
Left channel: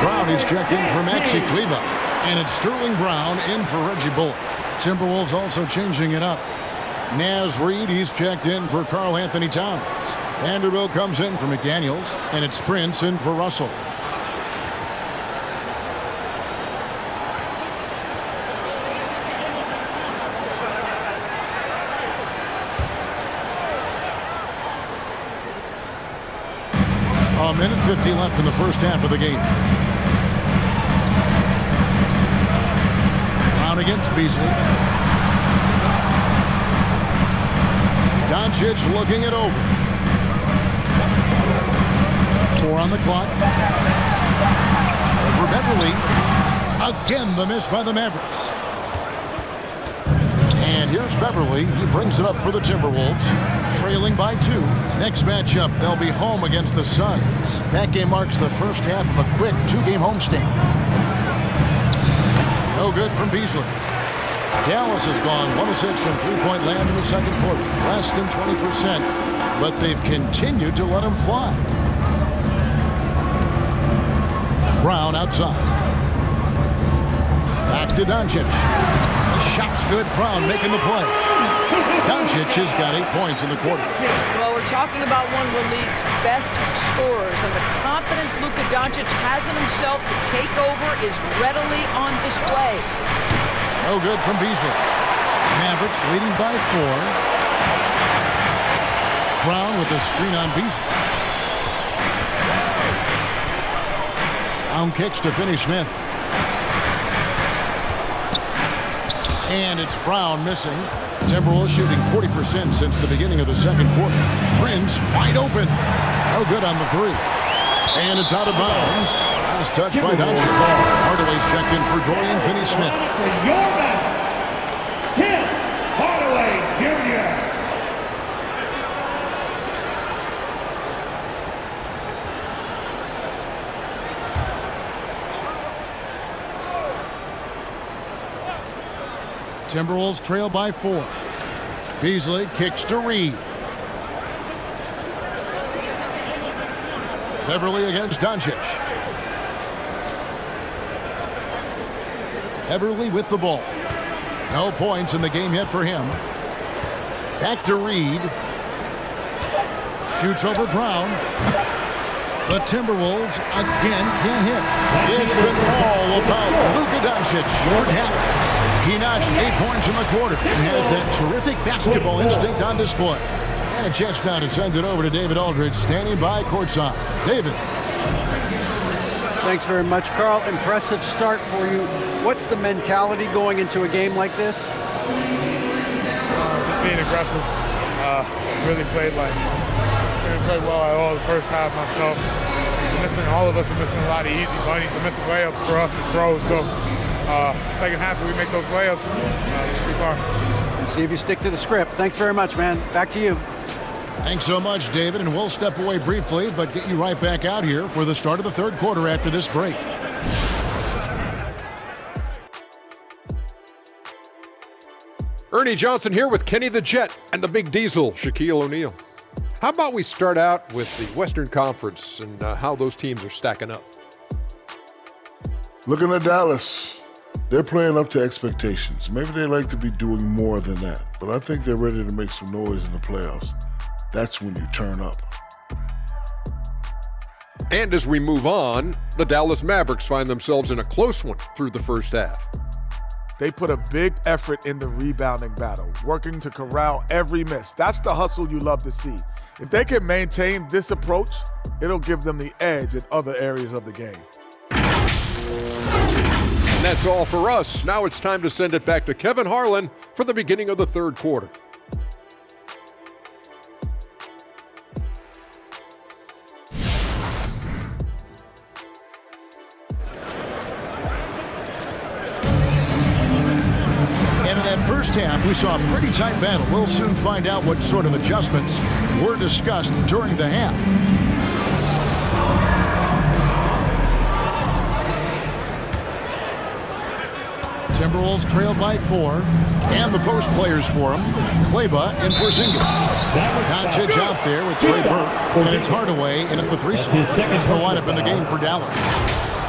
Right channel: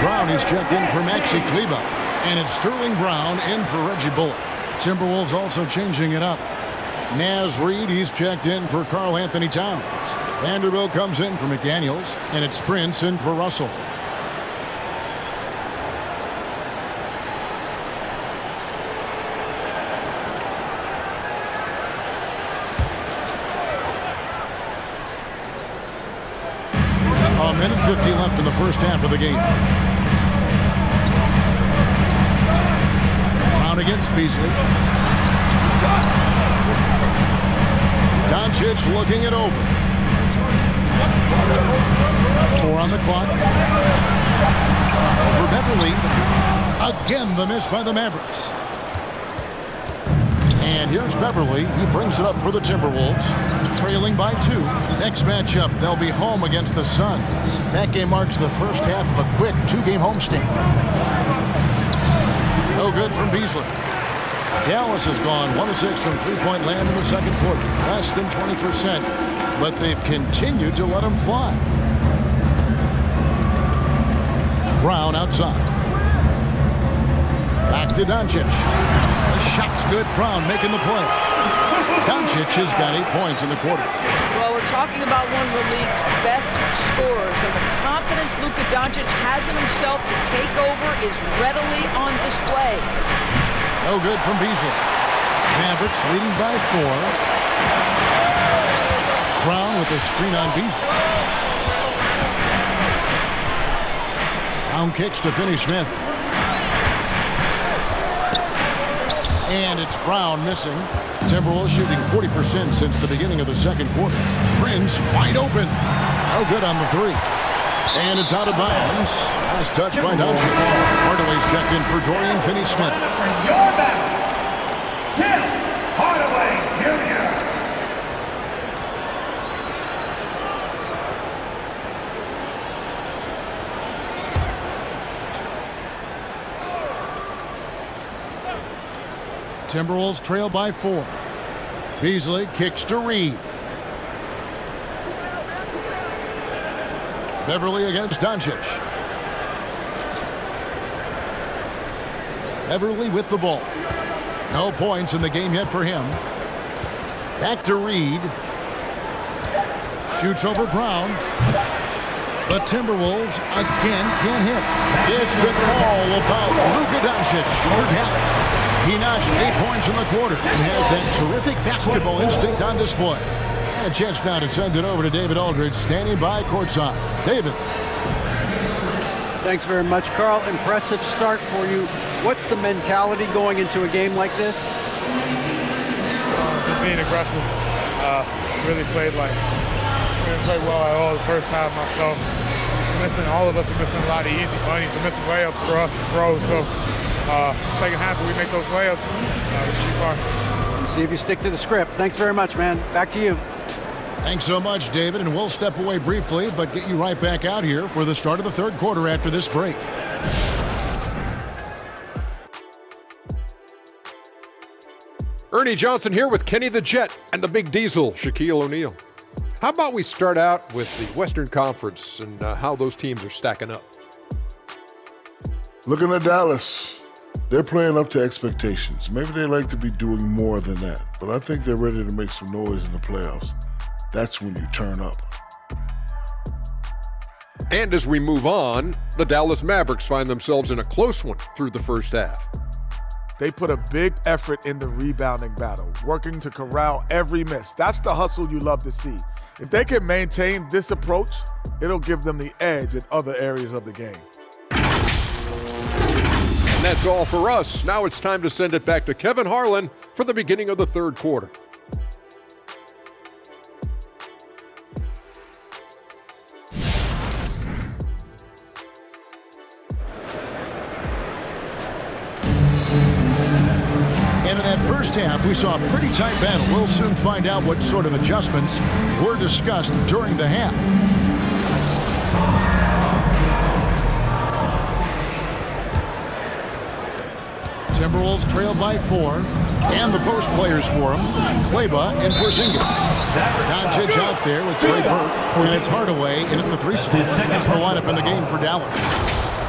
Brown is checked in for Maxi Kleber. And it's Sterling Brown in for Reggie Bullock. Timberwolves also changing it up. Naz Reid, he's checked in for Karl Anthony Towns. Vanderbilt comes in for McDaniels. And it's Prince in for Russell. A minute 50 left in the first half of the game. Brown against Beasley. Doncic looking it over. 4 on the clock. Over Beverly. Again, the miss by the Mavericks. And here's Beverly. He brings it up for the Timberwolves. Trailing by 2. Next matchup, they'll be home against the Suns. That game marks the first half of a quick 2-game homestand. No good from Beasley. Dallas has gone 1 of 6 from three-point land in the second quarter. Less than 20%. but they've continued to let him fly. Brown outside. Back to Doncic. The shot's good. Brown making the play. Doncic has got 8 points in the quarter. Well, we're talking about one of the league's best scorers, and the confidence Luka Doncic has in himself to take over is readily on display. No good from Beasley. Mavericks leading by 4. Brown with a screen on Beasley. Brown kicks to Finney Smith. And it's Brown missing. Timberwolves shooting 40% since the beginning of the second quarter. Prince wide open. No good on the 3. And it's out of bounds. Last touch by Doncic. Hardaway's checked in for Dorian Finney-Smith. For your back, Tim Hardaway Jr. Timberwolves trail by 4. Beasley kicks to Reed. Beverly against Doncic. Beverly with the ball. No points in the game yet for him. Back to Reed. Shoots over Brown. The Timberwolves again can't hit. It's been all about Luka Doncic for Dallas. He notched 8 points in the quarter and has that terrific basketball instinct on display. And a chance now to send it over to David Aldridge, standing by courtside. David. Thanks very much, Carl. Impressive start for you. What's the mentality going into a game like this? Just being aggressive. Really played didn't play well at all the first half myself. All of us are missing a lot of easy bunnies. We're missing layups for us as pros. So second half, if we make those layups, we should be fine. And see if you stick to the script. Thanks very much, man. Back to you. Thanks so much, David, and we'll step away briefly, but get you right back out here for the start of the third quarter after this break. Ernie Johnson here with Kenny the Jet and the Big Diesel, Shaquille O'Neal. How about we start out with the Western Conference and how those teams are stacking up? Looking at Dallas, they're playing up to expectations. Maybe they like to be doing more than that, but I think they're ready to make some noise in the playoffs. That's when you turn up. And as we move on, the Dallas Mavericks find themselves in a close one through the first half. They put a big effort in the rebounding battle, working to corral every miss. That's the hustle you love to see. If they can maintain this approach, it'll give them the edge in other areas of the game. And that's all for us. Now it's time to send it back to Kevin Harlan for the beginning of the third quarter. And in that first half, we saw a pretty tight battle. We'll soon find out what sort of adjustments were discussed during the half. Timberwolves trail by 4, and the post players for them, Kleba and Porzingis. Doncic out there with Trey Burke, and it's Hardaway in at the 3 slot. That's the lineup in the game for Dallas.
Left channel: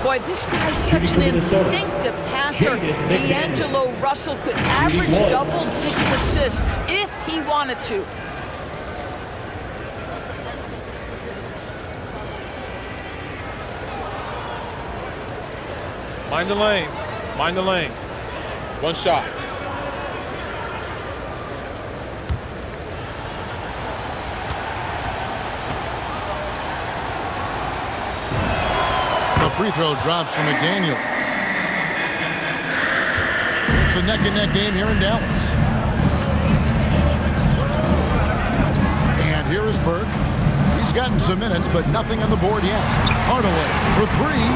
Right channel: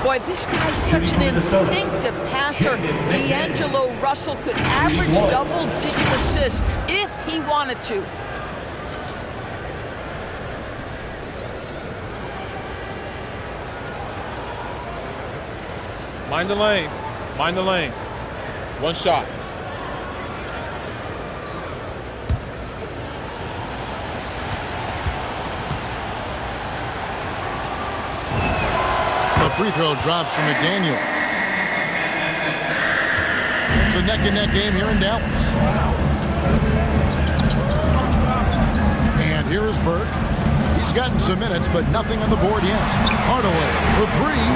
Boy, this guy's such an instinctive passer. D'Angelo Russell could average double-digit assists if he wanted to. Mind the lanes. Mind the lanes. One shot. The free throw drops from McDaniels. It's a neck-and-neck game here in Dallas. And here is Burke. He's gotten some minutes, but nothing on the board yet. Hardaway for 3.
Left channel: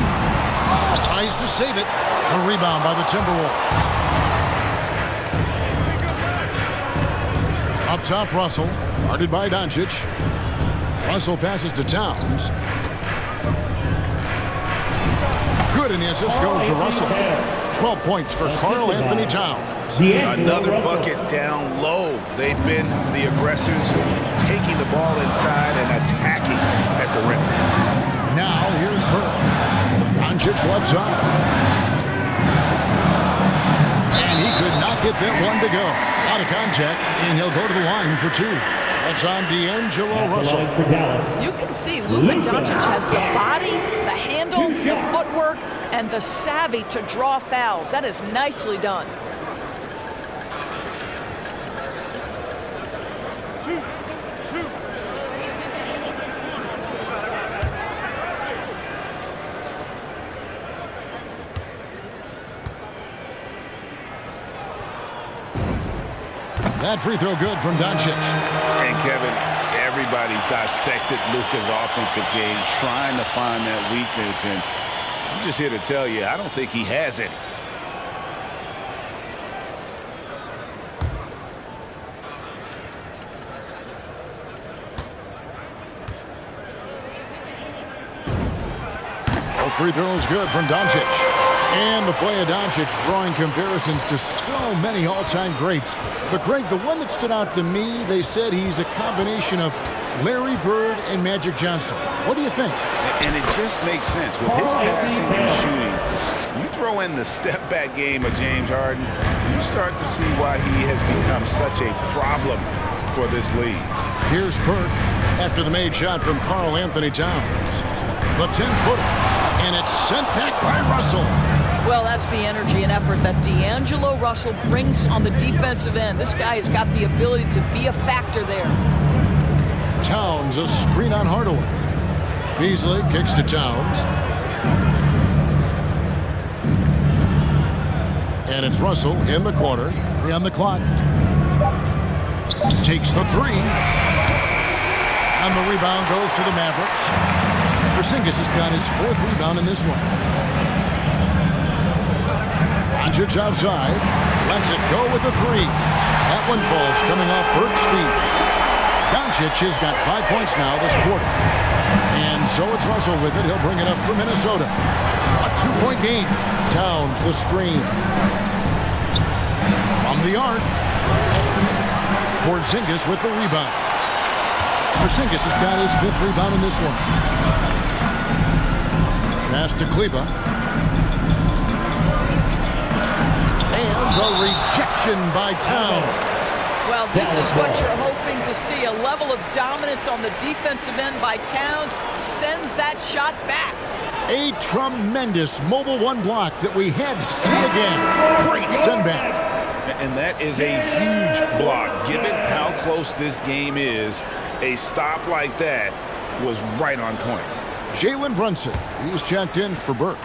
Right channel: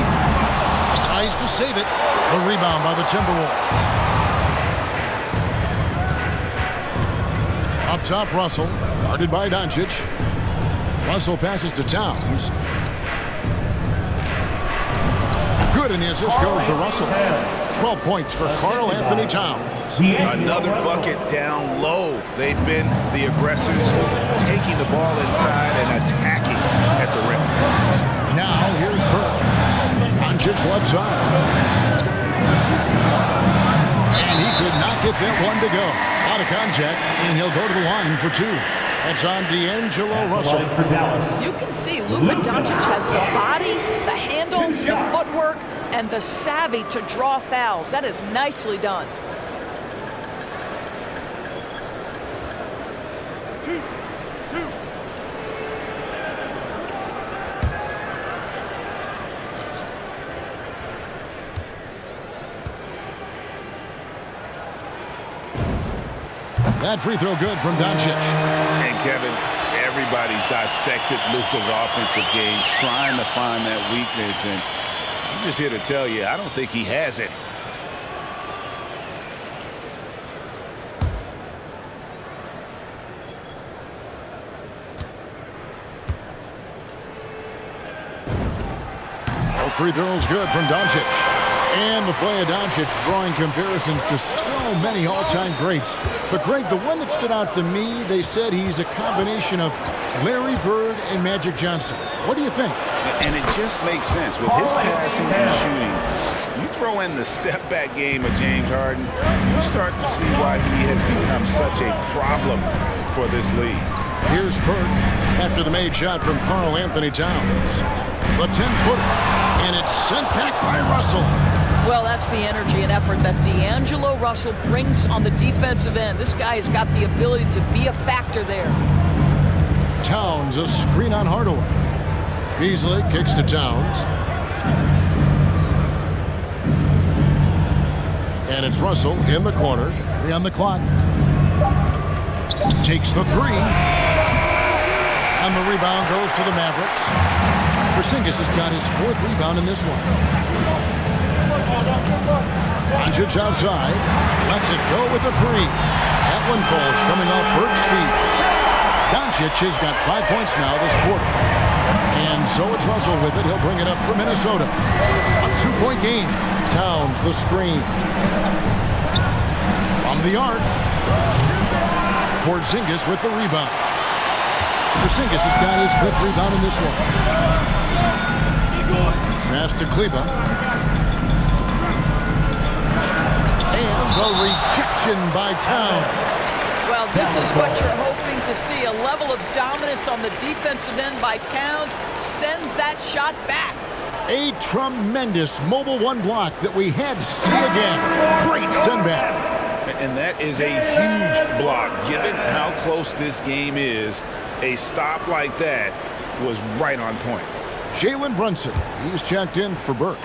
Tries to save it. The rebound by the Timberwolves. Up top, Russell. Guarded by Doncic. Russell passes to Towns. Good, and the assist goes to Russell. 12 points for Karl Anthony Towns. Another bucket down low. They've been the aggressors, taking the ball inside and attacking at the rim. Now here's Burke. Doncic left side. And he could not get that one to go. Out of contact, and he'll go to the line for two. That's on D'Angelo Russell. You can see Luka Doncic has the body, the handle, the footwork, and the savvy to draw fouls. That is nicely done. That free throw good from Doncic. And Kevin, everybody's dissected Luka's offensive game, trying to find that weakness. And I'm just here to tell you, I don't think he has any. Both free throws good from Doncic. And the play of Doncic drawing comparisons to so many all-time greats. But, Greg, the one that stood out to me, they said he's a combination of Larry Bird and Magic Johnson. What do you think? And it just makes sense. With his passing and shooting, you throw in the step-back game of James Harden, you start to see why he has become such a problem for this league. Here's Burke after the made shot from Karl Anthony Towns. The 10-footer, and it's sent back by Russell. Well, that's the energy and effort that D'Angelo Russell brings on the defensive end. This guy has got the ability to be a factor there. Towns, a screen on Hardaway. Beasley kicks to Towns. And it's Russell in the corner. 3 on the clock. Takes the 3. And the rebound goes to the Mavericks. Porzingis has got his 4th rebound in this one. Doncic outside. Lets it go with a 3. That one falls coming off Burke's feet. Doncic has got 5 points now this quarter. And so it's Russell with it. He'll bring it up for Minnesota. A 2-point game. Towns the screen. From the arc. Porzingis with the rebound. Porzingis has got his 5th rebound in this one. Pass to Kleba. And the rejection by Towns. Well, this is what you're hoping to see. A level of dominance on the defensive end by Towns sends that shot back. A tremendous mobile 1 block that we had to see again. Great send back. And that is a huge block. Given how close this game is, a stop like that was right on point. Jalen Brunson, he's checked in for Burke.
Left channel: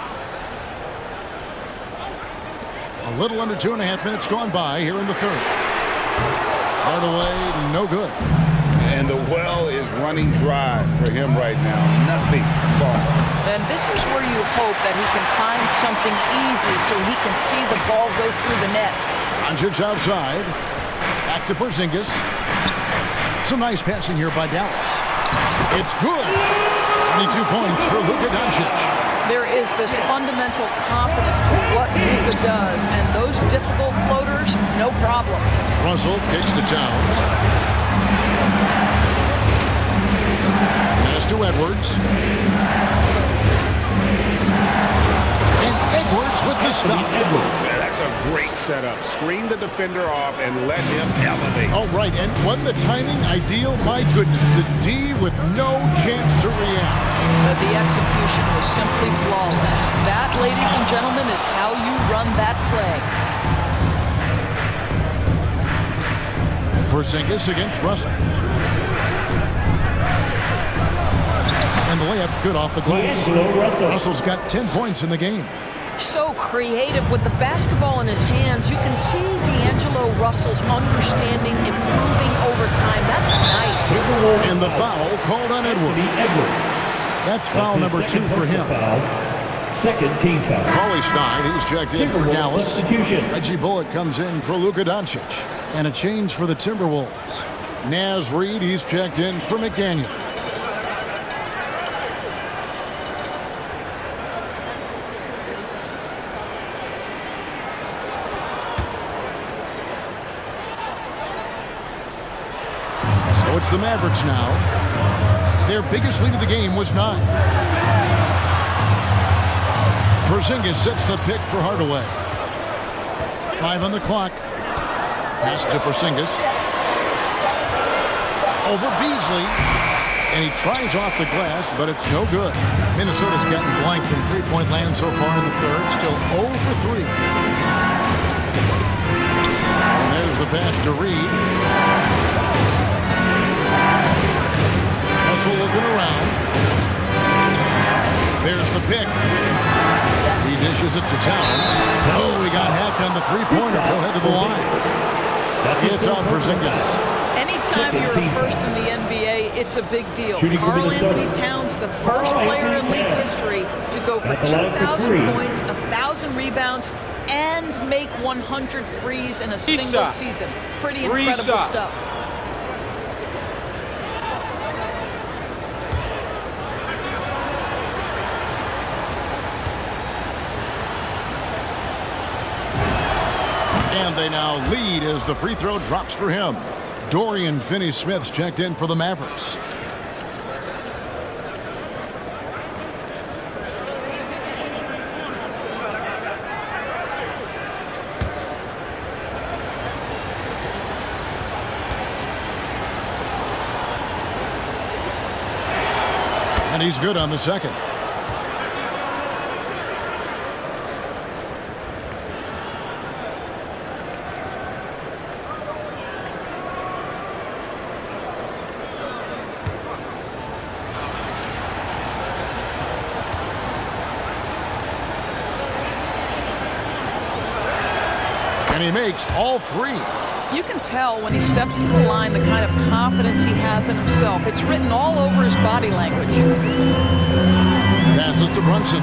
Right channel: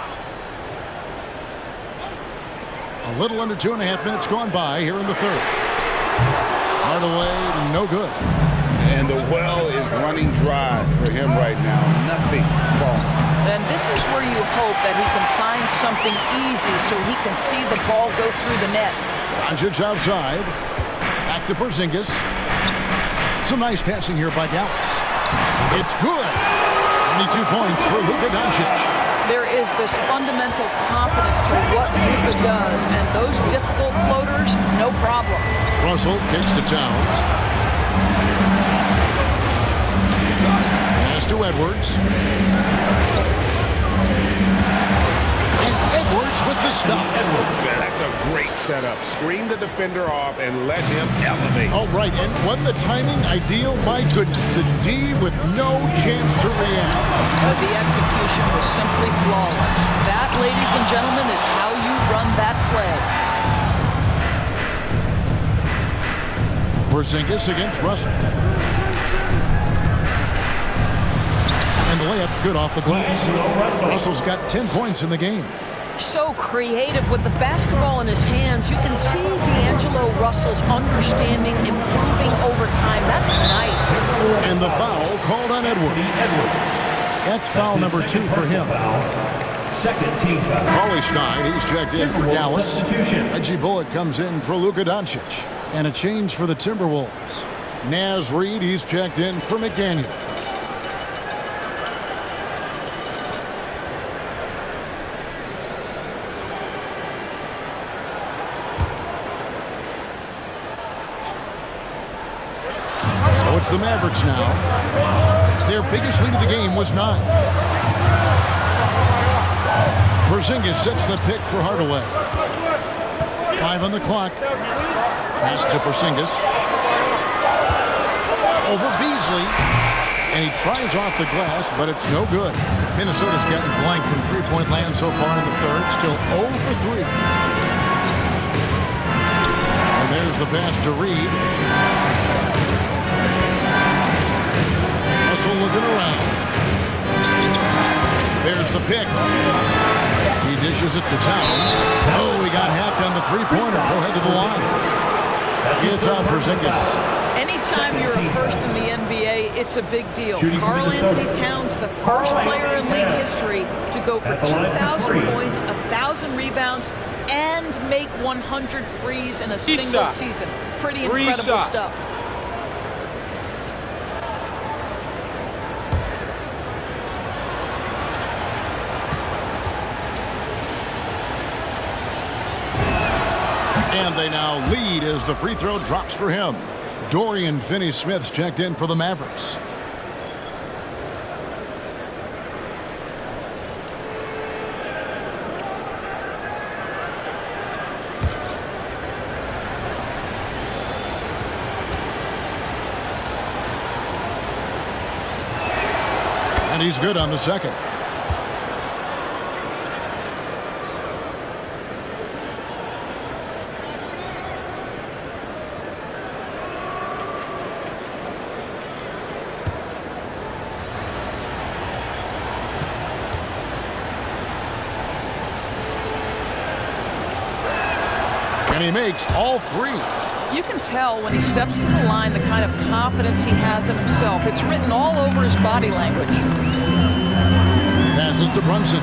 A little under 2.5 minutes gone by here in the 3rd. Hardaway, no good. And the well is running dry for him right now. Nothing falling. And this is where you hope that he can find something easy so he can see the ball go through the net. Doncic outside. Back to Porzingis. Some nice passing here by Dallas. It's good. 22 points for Luka Doncic. There is this fundamental confidence to what Luka does, and those difficult floaters, no problem. Russell kicks to Towns. Pass to Edwards. And Edwards with the stuff. Yeah, that's a great setup. Screen the defender off and let him elevate. Oh, right. And wasn't the timing ideal? My goodness. The D with no chance to react. The execution was simply flawless. That, ladies and gentlemen, is how you run that play. Porzingis against Russell. And the layup's good off the glass. Russell's got 10 points in the game. So creative with the basketball in his hands. You can see D'Angelo Russell's understanding improving over time. That's nice. And the foul called on Edwards. That's foul number 2 for him. Second team foul. Cauley Stein, he's checked in for Dallas. Reggie Bullock comes in for Luka Doncic. And a change for the Timberwolves. Naz Reid, he's checked in for McDaniels. it's the Mavericks now. Their biggest lead of the game was 9. Porzingis sets the pick for Hardaway. 5 on the clock. Pass to Porzingis. Over Beasley. And he tries off the glass, but it's no good. Minnesota's gotten blank from three-point land so far in the third. Still 0 for 3. And there's the pass to Reed. Russell looking around. There's the pick. He dishes it to Towns. Oh, he got hacked on the three-pointer. He'll head to the line. It's on Porzingis. Anytime you're a first in the NBA, it's a big deal. Karl Anthony Towns, the first player in league history to go for 2,000 points, 1,000 rebounds, and make 100 threes in a single season. Pretty incredible stuff. And they now lead as the free throw drops for him. Dorian Finney-Smith's checked in for the Mavericks. And he's good on the second. And he makes all 3. You can tell when he steps to the line the kind of confidence he has in himself. It's written all over his body language. Passes to Brunson.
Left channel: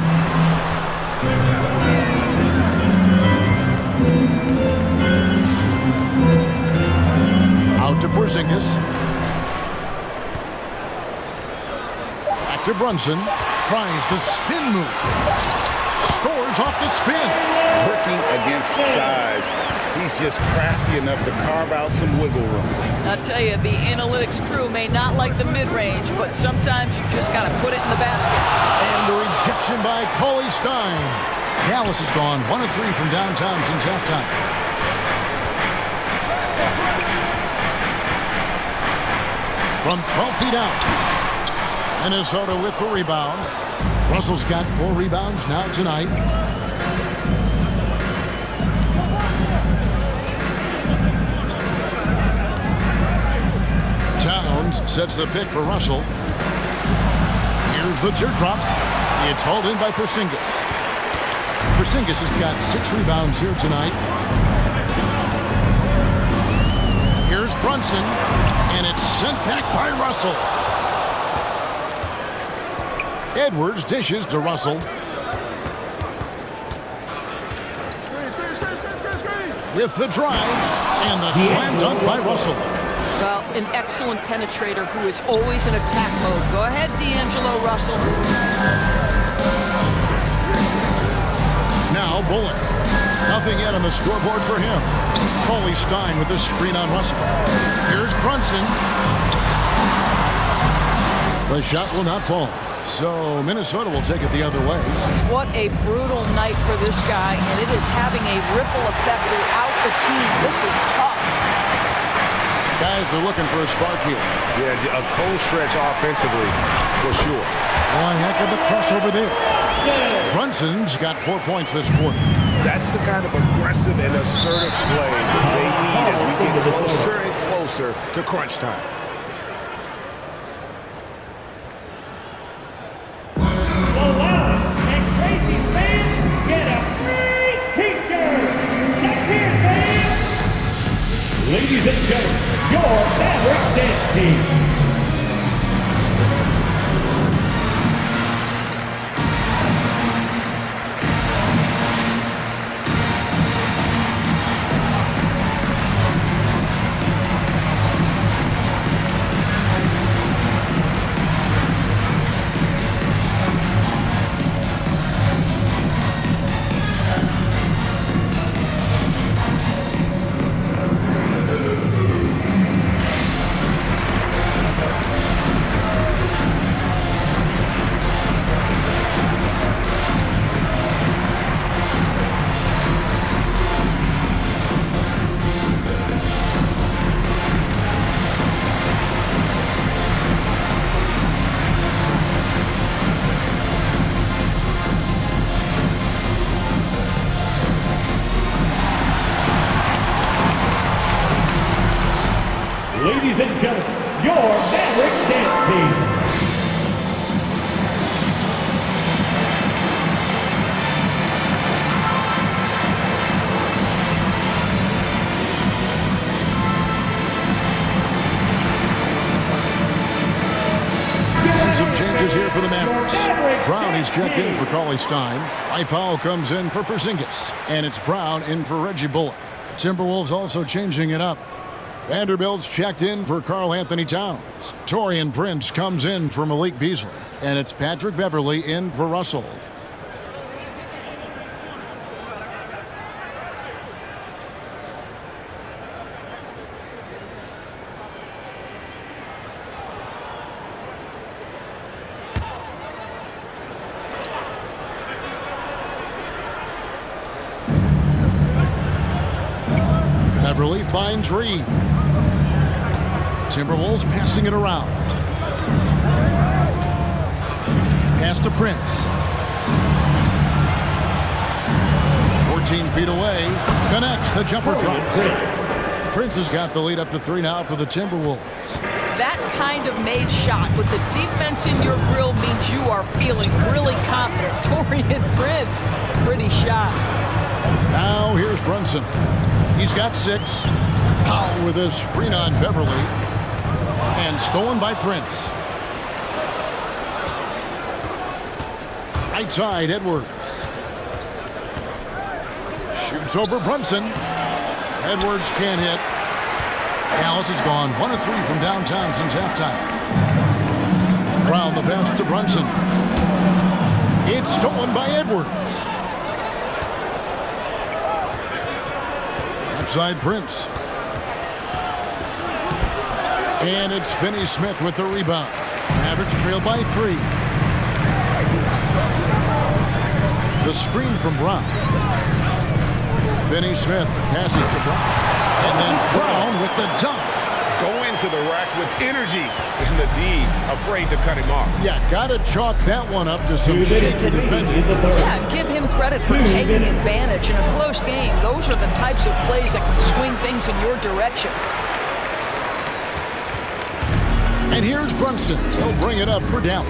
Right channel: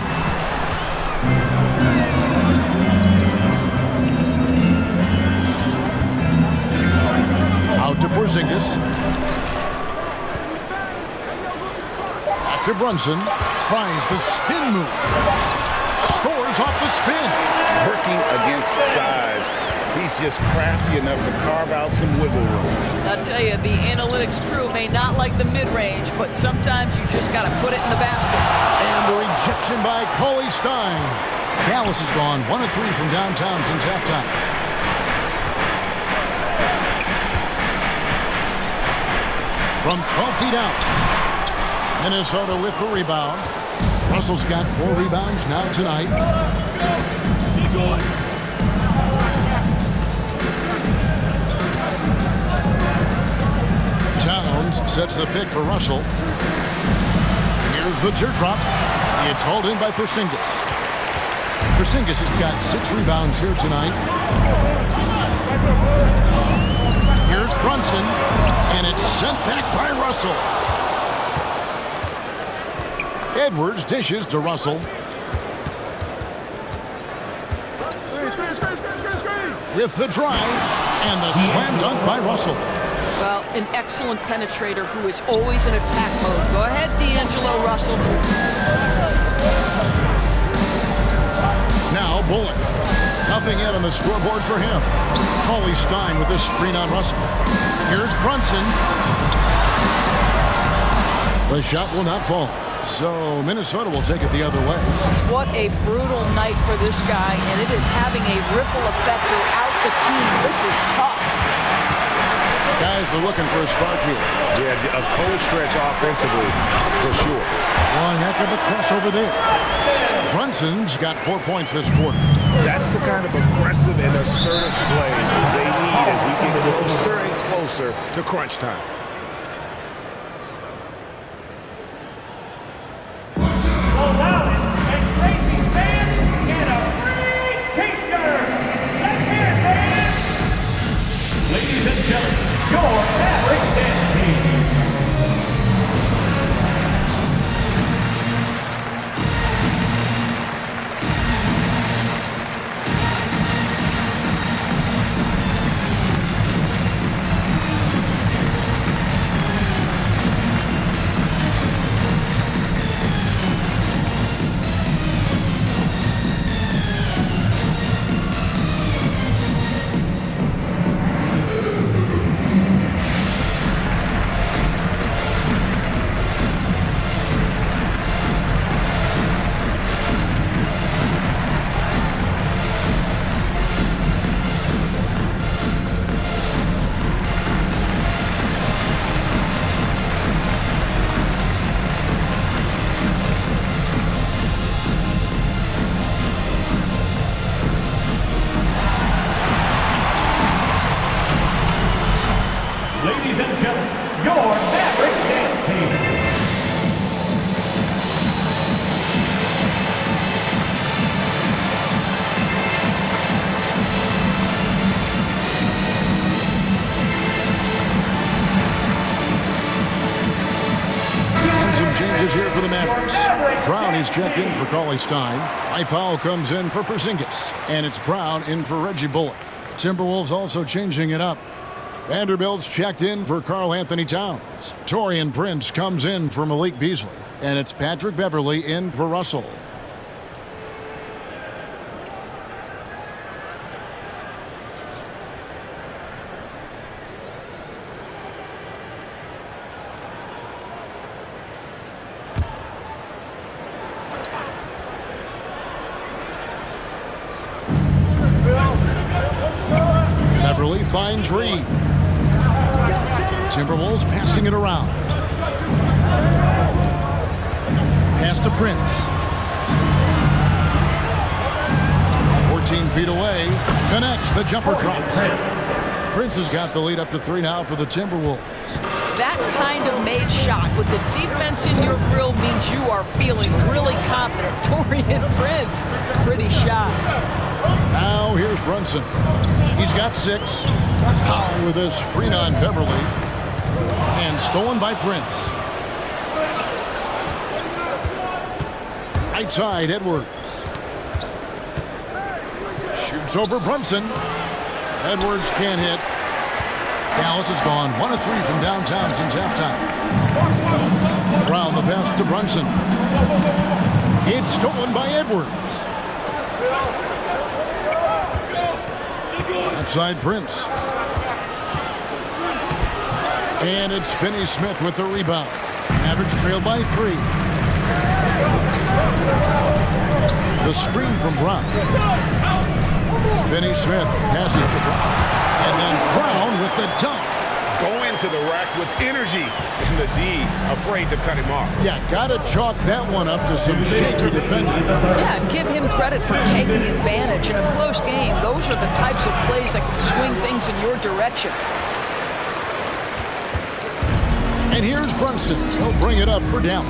Out to Porzingis. Back to Brunson. Tries the spin move. Scores off the spin. Working against size. He's just crafty enough to carve out some wiggle room. I'll tell you, the analytics crew may not like the mid-range, but sometimes you just got to put it in the basket. And the rejection by Cauley Stein. Dallas has gone 1 of 3 from downtown since halftime. From 12 feet out. Minnesota with the rebound. Russell's got 4 rebounds now tonight. Towns sets the pick for Russell. Here's the teardrop. It's hauled in by Porzingis. Porzingis has got 6 rebounds here tonight. Here's Brunson, and it's sent back by Russell. Edwards dishes to Russell. With the drive, and the slam dunk by Russell. Well, an excellent penetrator who is always in attack mode. Go ahead, D'Angelo Russell. Now Bullock. Nothing yet on the scoreboard for him. Cauley Stein with this screen on Russell. Here's Brunson. The shot will not fall. So Minnesota will take it the other way. What a brutal night for this guy, and it is having a ripple effect throughout the team. This is tough. Guys are looking for a spark here. Yeah, a cold stretch offensively, for sure. One heck of a crossover there. Brunson's got 4 points this quarter. That's the kind of aggressive and assertive play they need as we get closer and closer to crunch time. The loudest and crazy fans get a free T-shirt. Let's hear it, fans. Ladies and gentlemen, your Mavericks dance team. Ladies and gentlemen, your Mavericks dance team. And some changes here for the Mavericks. Brown is checked in for Cauley Stein. Powell comes in for Porzingis. And it's Brown in for Reggie Bullock. The Timberwolves also changing it up. Vanderbilt's checked in for Karl Anthony Towns. Taurean Prince comes in for Malik Beasley. And it's Patrick Beverley in for Russell. Beverley finds Reed. Timberwolves passing it around. Pass to Prince. 14 feet away. Connects. The jumper drops. Prince has got the lead up to 3 now for the Timberwolves. That kind of made shot with the defense in your grill means you are feeling really confident. Taurean Prince, pretty shot. Now here's Brunson. He's got 6. Powell with a screen on Beverley. And stolen by Prince. Right side, Edwards. Shoots over Brunson. Edwards can't hit. Dallas has gone 1 of 3 from downtown since halftime. Brown the pass to Brunson. It's stolen by Edwards. Outside Prince. And it's Finney Smith with the rebound. Mavericks trail by 3. The screen from Brown. Finney Smith passes to Brown. And then Brown with the dunk. Go into the rack with energy. And the D afraid to cut him off. Yeah, gotta chalk that one up to some shaky defending. Yeah, and give him credit for taking advantage in a close game. Those are the types of plays that can swing things in your direction. And here's Brunson. He'll bring it up for Dallas.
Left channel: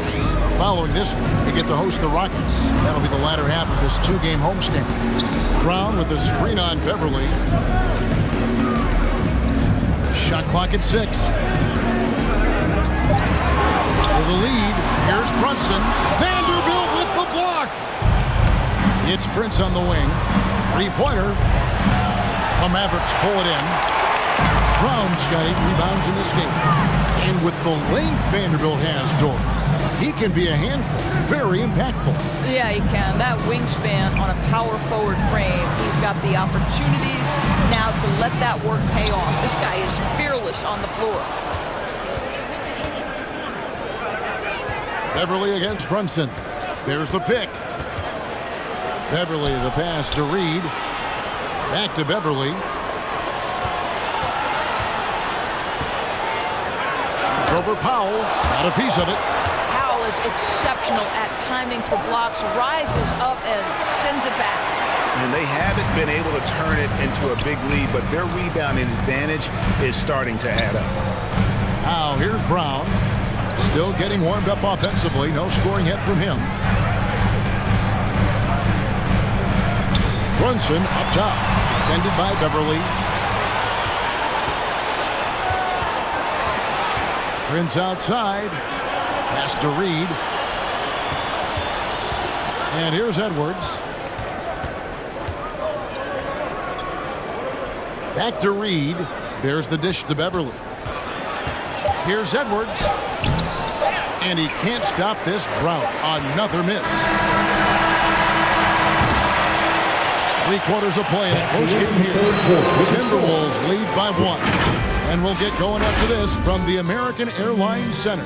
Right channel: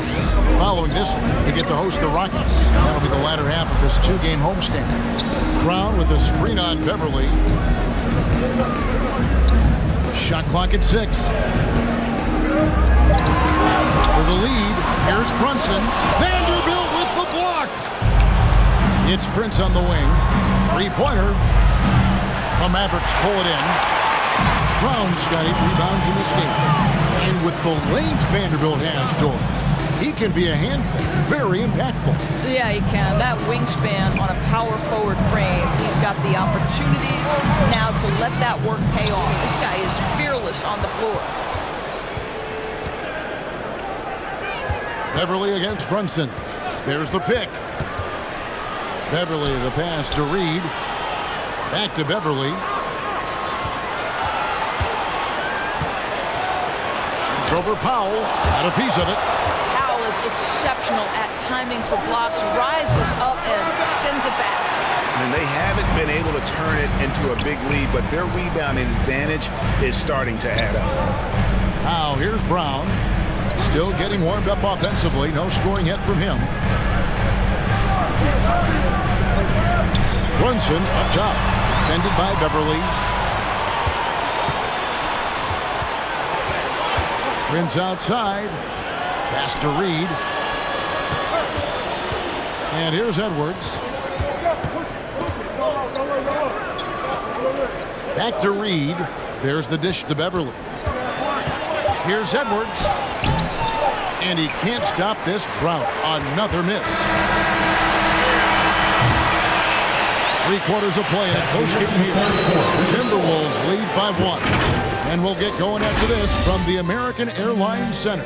Following this one, they get to host the Rockets. That'll be the latter half of this 2-game homestand. Brown with the screen on Beverley. Shot clock at 6. For the lead, here's Brunson. Vanderbilt with the block. It's Prince on the wing. 3-pointer. The Mavericks pull it in. Brown's got 8 rebounds in this game. And with the length Vanderbilt has, Doris, he can be a handful. Very impactful. Yeah, he can. That wingspan on a power forward frame, he's got the opportunities now to let that work pay off. This guy is fearless on the floor. Beverley against Brunson. There's the pick. Beverley, the pass to Reed. Back to Beverley. Shoots over Powell. Got a piece of it. Powell is exceptional at timing for blocks, rises up and sends it back. And they haven't been able to turn it into a big lead, but their rebounding advantage is starting to add up. Now here's Brown. Still getting warmed up offensively. No scoring yet from him. Brunson up top. Defended by Beverley. Prince outside. Pass to Reed. And here's Edwards. Back to Reed. There's the dish to Beverley. Here's Edwards. And he can't stop this drought. Another miss. 3 quarters of play in a close game here. Timberwolves lead by 1. And we'll get going after this from the American Airlines Center.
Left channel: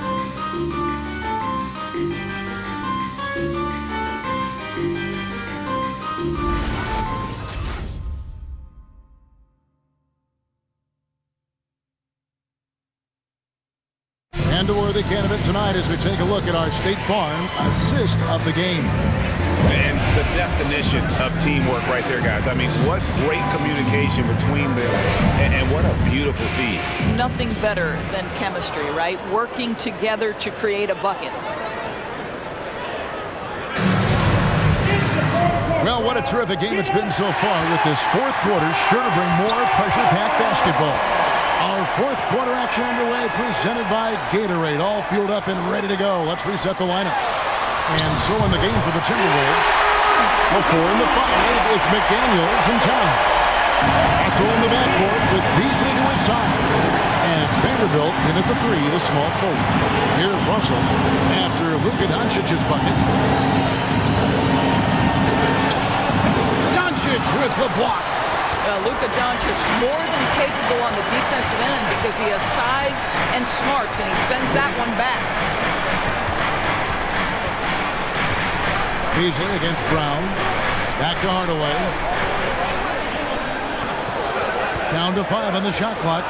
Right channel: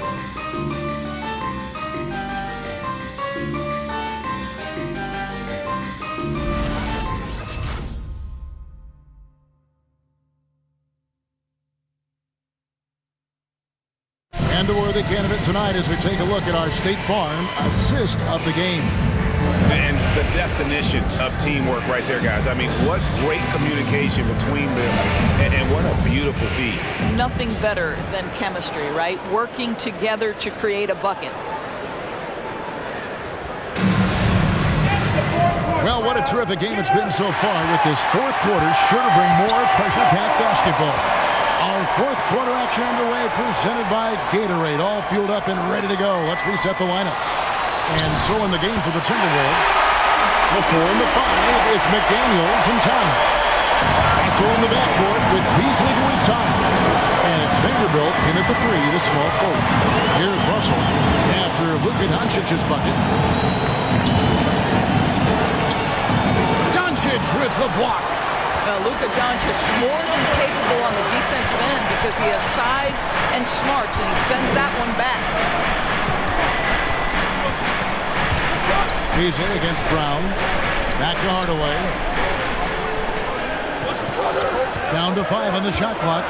And a worthy candidate tonight as we take a look at our State Farm assist of the game. And the definition of teamwork right there, guys. I mean, what great communication between them, and what a beautiful feed. Nothing better than chemistry, right? Working together to create a bucket. Well, what a terrific game it's been so far, with this fourth quarter sure to bring more pressure-packed basketball. Our fourth quarter action underway, presented by Gatorade, all fueled up and ready to go. Let's reset the lineups. And so in the game for the Timberwolves, the 4 and the 5, it's McDaniels and Town. Russell in the backcourt with Beasley to his side. And it's Vanderbilt in at the 3, the small forward. Here's Russell after Luka Doncic's bucket. Doncic with the block. Luka Doncic more than capable on the defensive end because he has size and smarts, and he sends that one back. Beasley against Brown. Back to Hardaway. Down to 5 on the shot clock.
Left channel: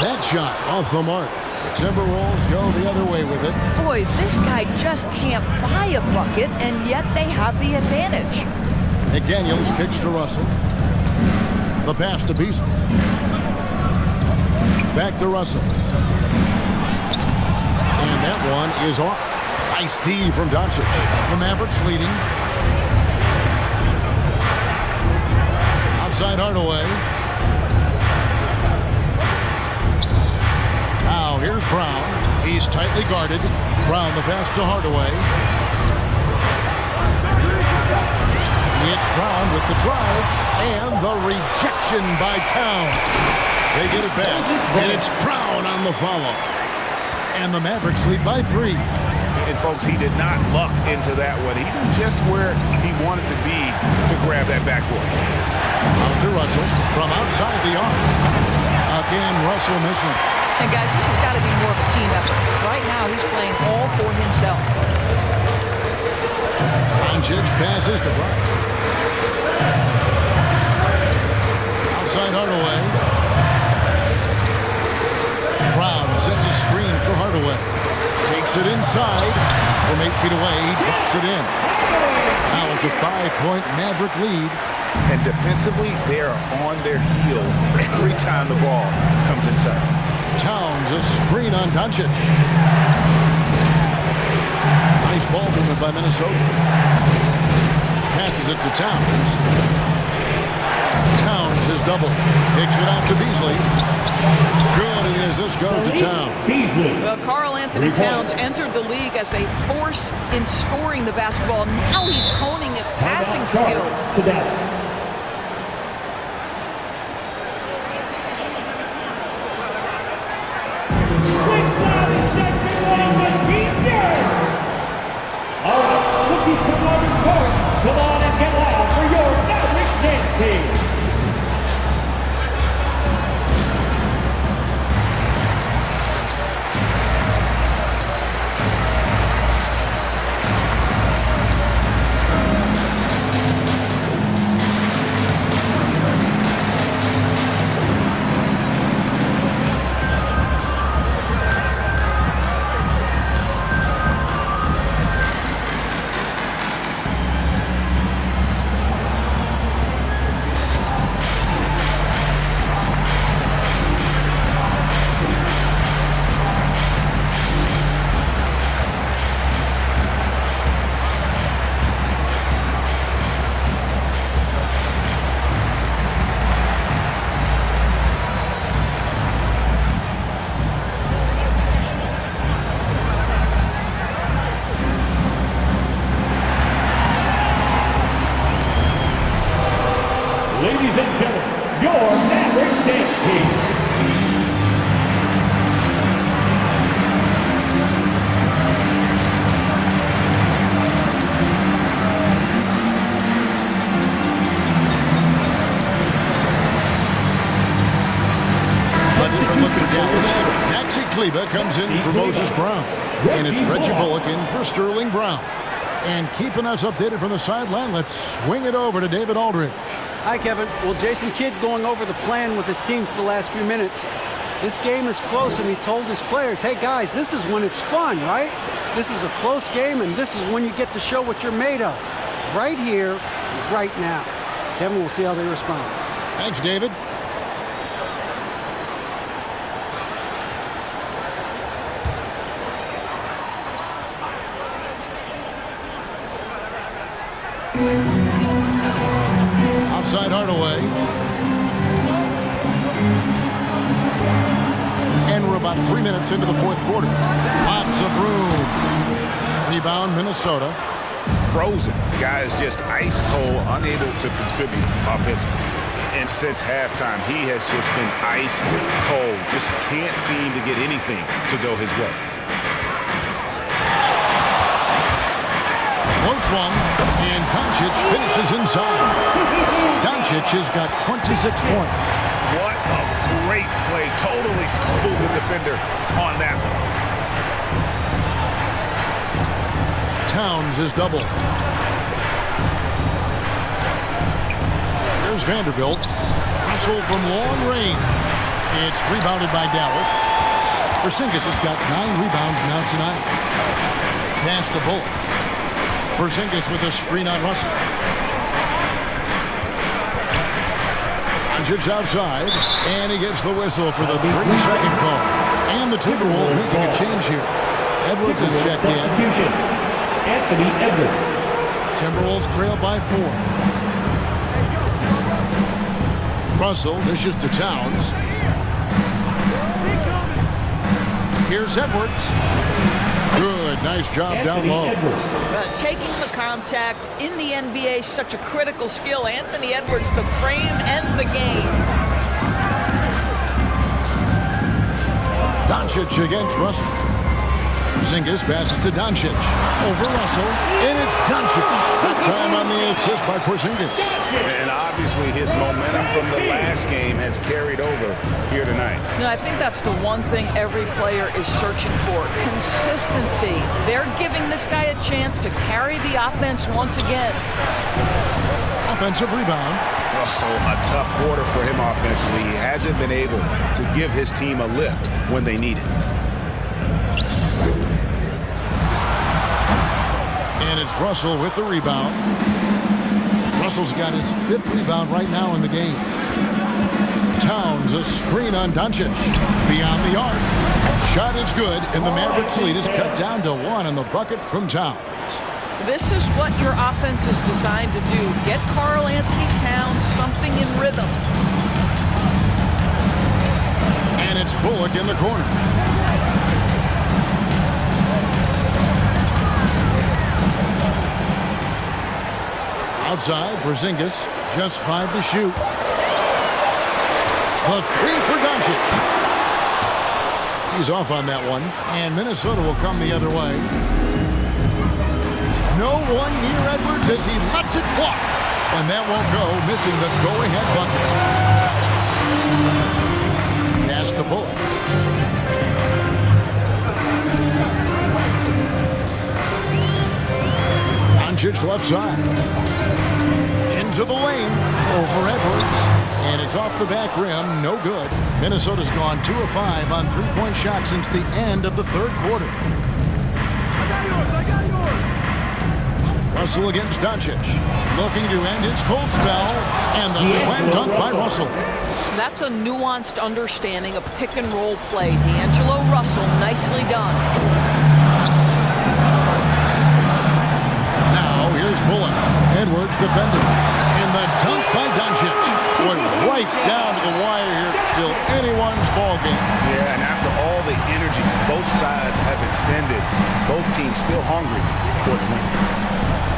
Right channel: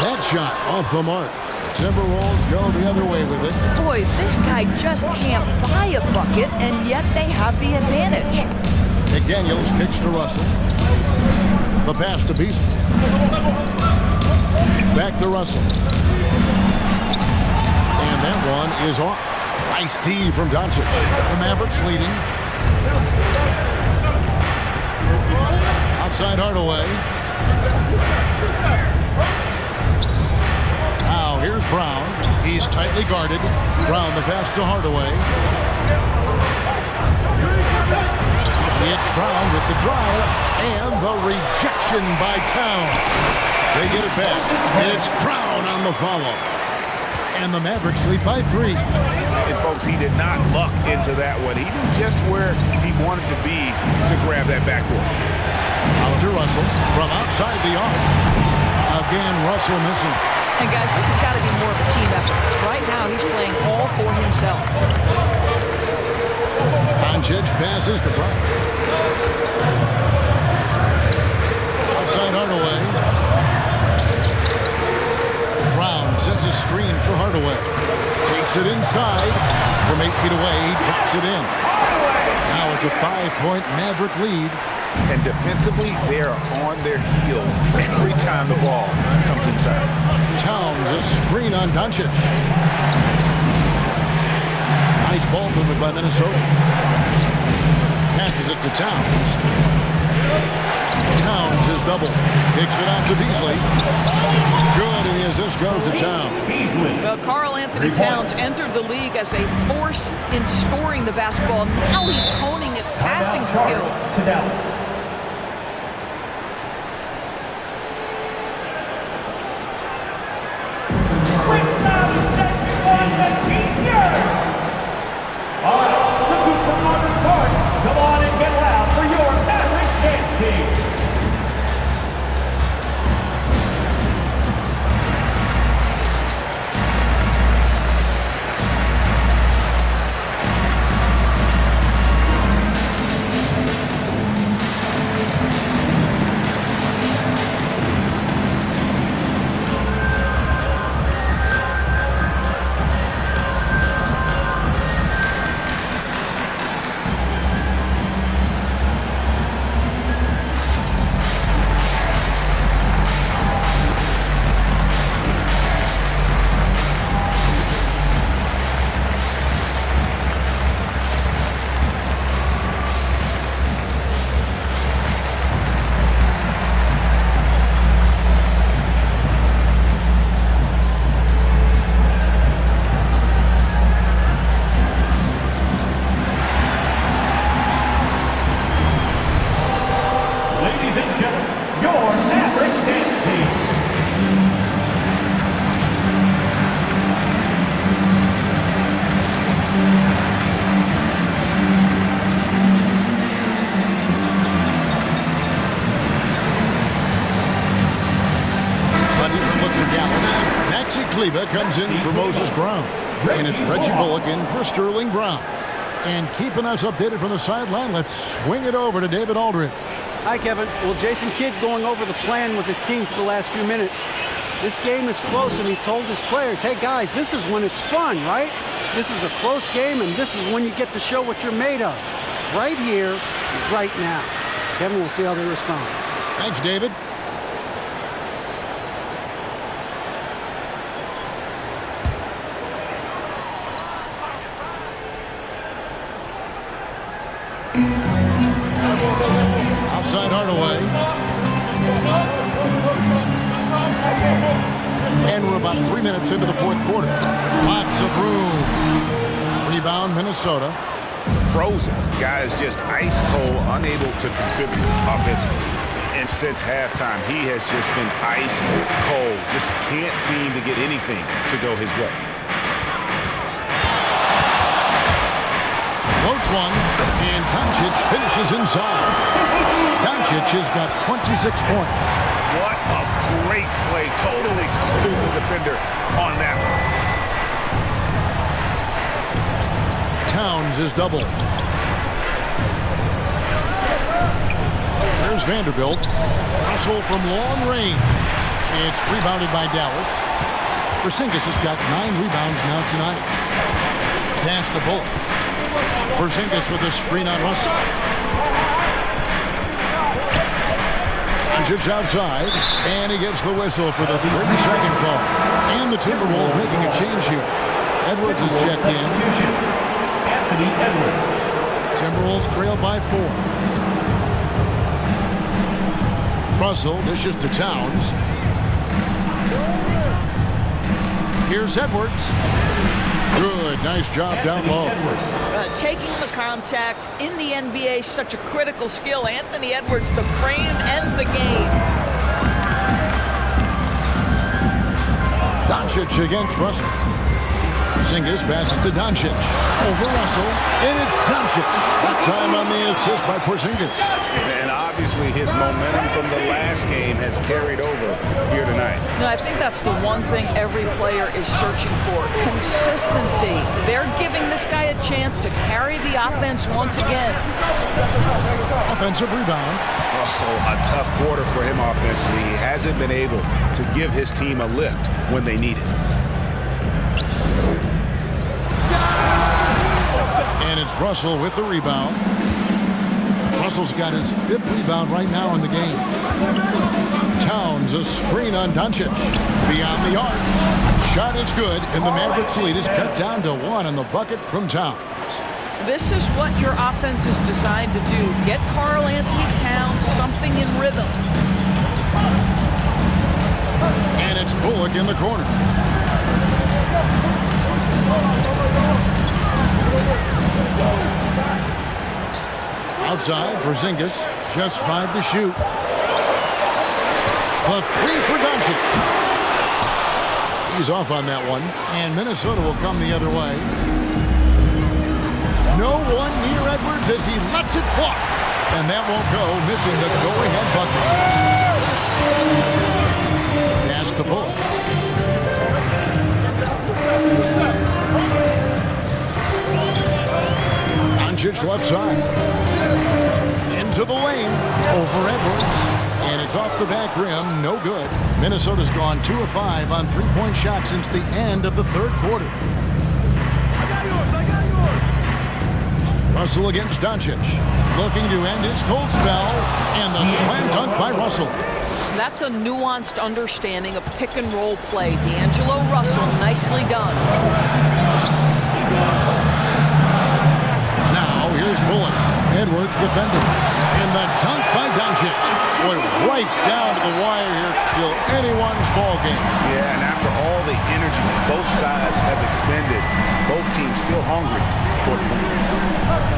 That shot off the mark. The Timberwolves go the other way with it. Boy, this guy just can't buy a bucket, and yet they have the advantage. McDaniels kicks to Russell. The pass to Beasley. Back to Russell. And that one is off. Nice D from Doncic. The Mavericks leading. Outside Hardaway. Now here's Brown. He's tightly guarded. Brown the pass to Hardaway. It's Brown with the drive and the rejection by Town. They get it back, and it's Brown on the follow. And the Mavericks lead by 3. And folks, he did not luck into that one. He knew just where he wanted to be to grab that backboard. Out to Russell from outside the arc. Again, Russell missing. And guys, this has got to be more of a team effort. Right now, he's playing all for himself. Doncic passes to Brown. Outside Hardaway. Brown sets a screen for Hardaway. Takes it inside. From 8 feet away, he drops it in. Now it's a 5-point Maverick lead. And defensively, they are on their heels every time the ball comes inside. Towns a screen on Doncic. Nice ball movement by Minnesota. Passes it to Towns. Towns is double. Kicks it out to Beasley. Good, and the assist goes to Towns. Well, Karl Anthony Towns entered the league as a force in scoring the basketball. Now he's honing his passing skills. To Dallas. All right, rookies come on to the court. Come on and get loud for your Mavericks dance team. Ladies and gentlemen, your Mavericks dance team. A different look for Dallas. Maxi Kleber comes in for Moses Brown. And it's Reggie Bullock in for Sterling Brown. And keeping us updated from the sideline, let's swing it over to David Aldridge. Hi, Kevin. Well, Jason Kidd going over the plan with his team for the last few minutes. This game is close, and he told his players, hey, guys, this is when it's fun, right? This is a close game, and this is when you get to show what you're made of. Right here, right now. Kevin, we'll see how they respond. Thanks, David. Outside Hardaway. And we're about 3 minutes into the fourth quarter. Lots of room. Rebound, Minnesota. Frozen. Guys just ice cold, unable to contribute offensively. And since halftime, he has just been ice cold. Just can't seem to get anything to go his way. Floats one, and Doncic finishes inside. Doncic has got 26 points. What a great play. Totally schooled the defender on that one. Towns is double. Here's Vanderbilt. Russell from long range. It's rebounded by Dallas. Porzingis has got 9 rebounds now tonight. Pass to Bullock. Porzingis with a screen on Russell. Doncic outside, and he gets the whistle for the 3-second call. And the Timberwolves making a change here. Edwards is checked in. Anthony Edwards. Timberwolves trail by 4. Russell dishes to Towns. Here's Edwards. Good, nice job down low. Taking the contact in the NBA, such a critical skill. Anthony Edwards, the frame and the game. Doncic against Russell. Porzingis passes to Doncic. Over Russell, and it's Doncic. That time on the assist by Porzingis. And obviously his momentum from the last game has carried over here tonight. No, I think that's the one thing every player is searching for. Consistency. They're giving this guy a chance to carry the offense once again. Offensive rebound. Oh, a tough quarter for him offensively. He hasn't been able to give his team a lift when they need it. And it's Russell with the rebound. Russell's got his 5th rebound right now in the game. Towns, a screen on Doncic. Beyond the arc. Shot is good, and the Mavericks lead is cut down to 1 on the bucket from Towns. This is what your offense is designed to do. Get Karl Anthony Towns something in rhythm. And it's Bullock in the corner. Outside, Porzingis, just 5 to shoot. The 3 for Doncic. He's off on that one, and Minnesota will come the other way. No one near Edwards as he lets it fly. And that won't go, missing the go-ahead bucket. Fast to Bullock. Doncic left side. Into the lane, over Edwards, and it's off the back rim, no good. Minnesota's gone 2 of 5 on 3-point shots since the end of the 3rd quarter. I got yours. Russell against Doncic, looking to end his cold spell, and the slam dunk by Russell. That's a nuanced understanding of pick and roll play. D'Angelo Russell, nicely done. Now here's Bullock. Edwards defending. And the dunk by Doncic. Boy, right down to the wire here. Still anyone's ball game. Yeah, and after all the energy both sides have expended, both teams still hungry for the win.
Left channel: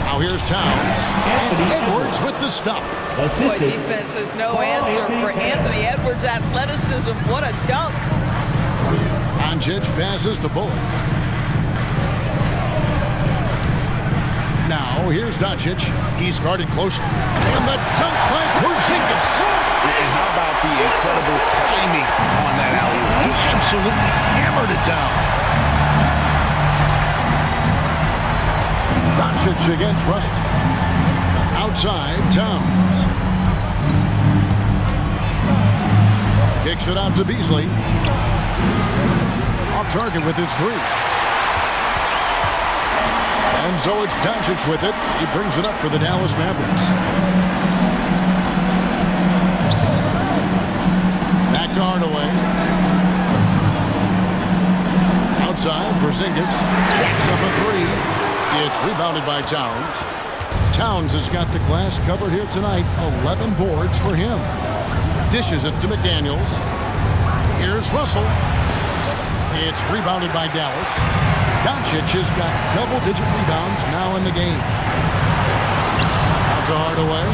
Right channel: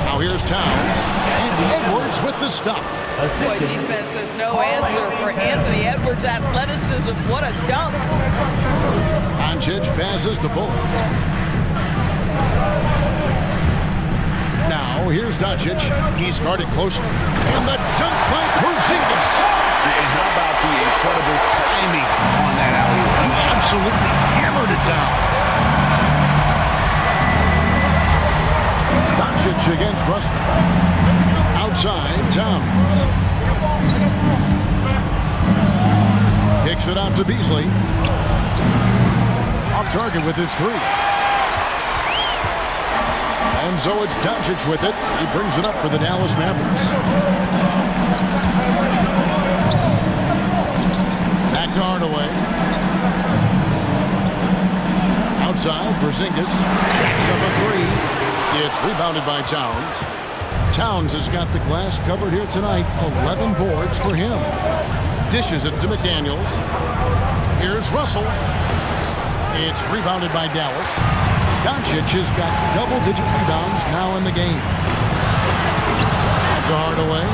Now here's Towns. And Edwards with the stuff. Boy, defense has no answer for Anthony Edwards' athleticism. What a dunk. Doncic passes to Bullock. Now, here's Doncic. He's guarded closely. And the dunk by Porzingis. And how about the incredible timing on that alley-oop? He absolutely hammered it down. Doncic against Russell. Outside, Towns. Kicks it out to Beasley. Off target with his three. And so it's Doncic with it. He brings it up for the Dallas Mavericks. Back to Hardaway. Outside, Porzingis jacks up a three. It's rebounded by Towns. Towns has got the glass covered here tonight. 11 boards for him. Dishes it to McDaniels. Here's Russell. It's rebounded by Dallas. Doncic has got double-digit rebounds now in the game. Out to Hardaway.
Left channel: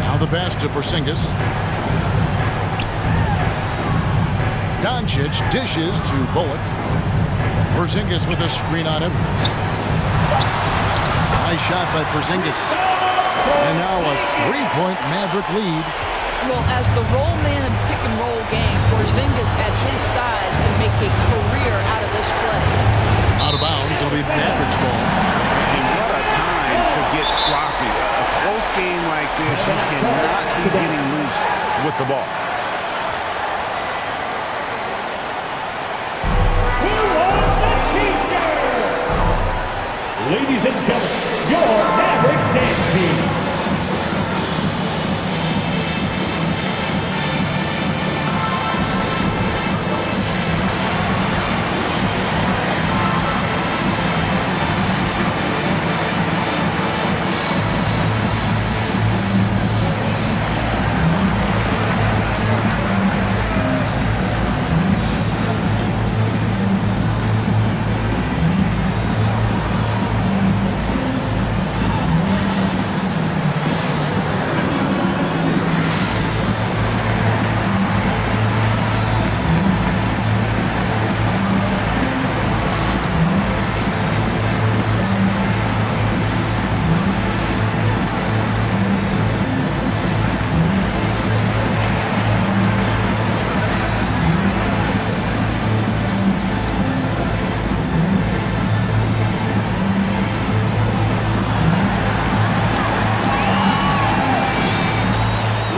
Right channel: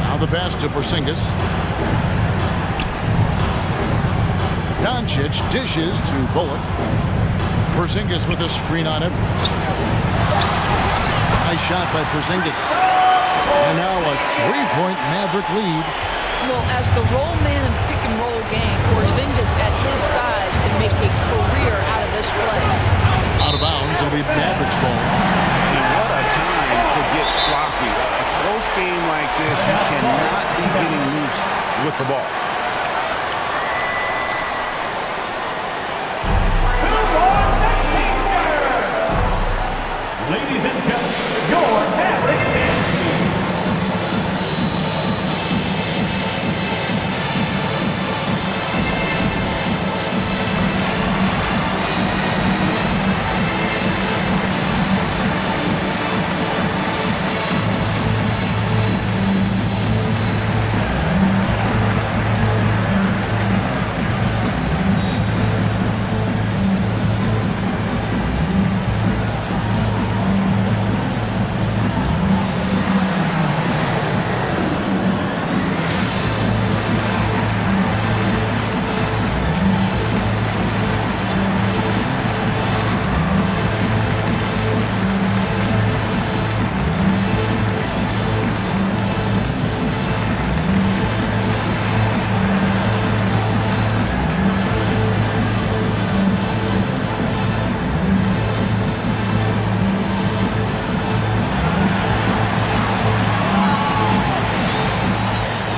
Now the pass to Porzingis. Doncic dishes to Bullock. Porzingis with a screen on Edwards. Nice shot by Porzingis. And now a three-point Maverick lead. Well, as the roll man in the pick-and-roll game, Porzingis at his size can make a career out of this play. Out of bounds, it'll be Mavericks ball. And what a time to get sloppy. A close game like this, you cannot be getting loose with the ball. Ladies and gentlemen, your Mavericks dance team.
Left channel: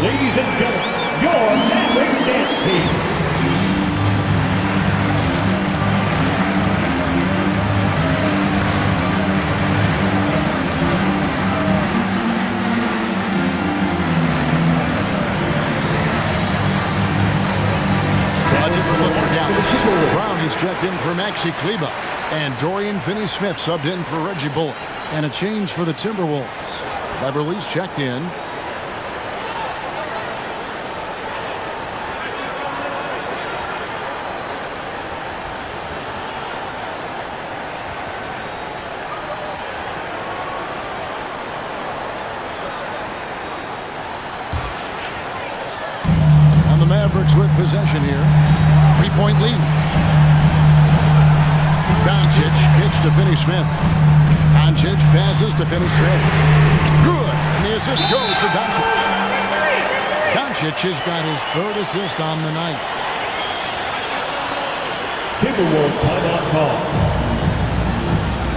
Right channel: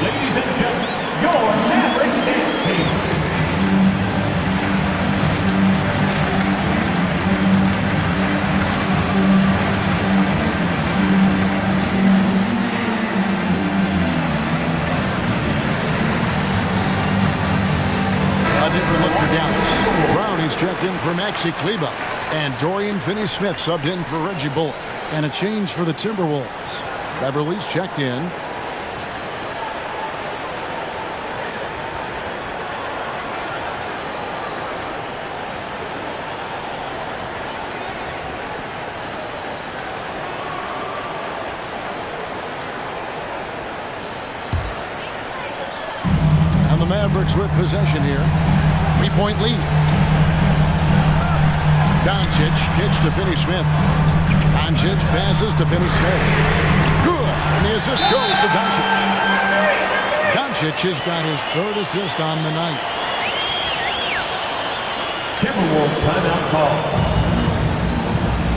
Ladies and gentlemen, your Mavericks dance team. A different look for Dallas. Brown is checked in for Maxi Kleber. And Dorian Finney-Smith subbed in for Reggie Bullock. And a change for the Timberwolves. Beverly's checked in. The Mavericks with possession here. 3-point lead. Doncic kicks to Finney-Smith. Doncic passes to Finney-Smith. Good. And the assist goes to Doncic. Doncic has got his third assist on the night. Timberwolves timeout call.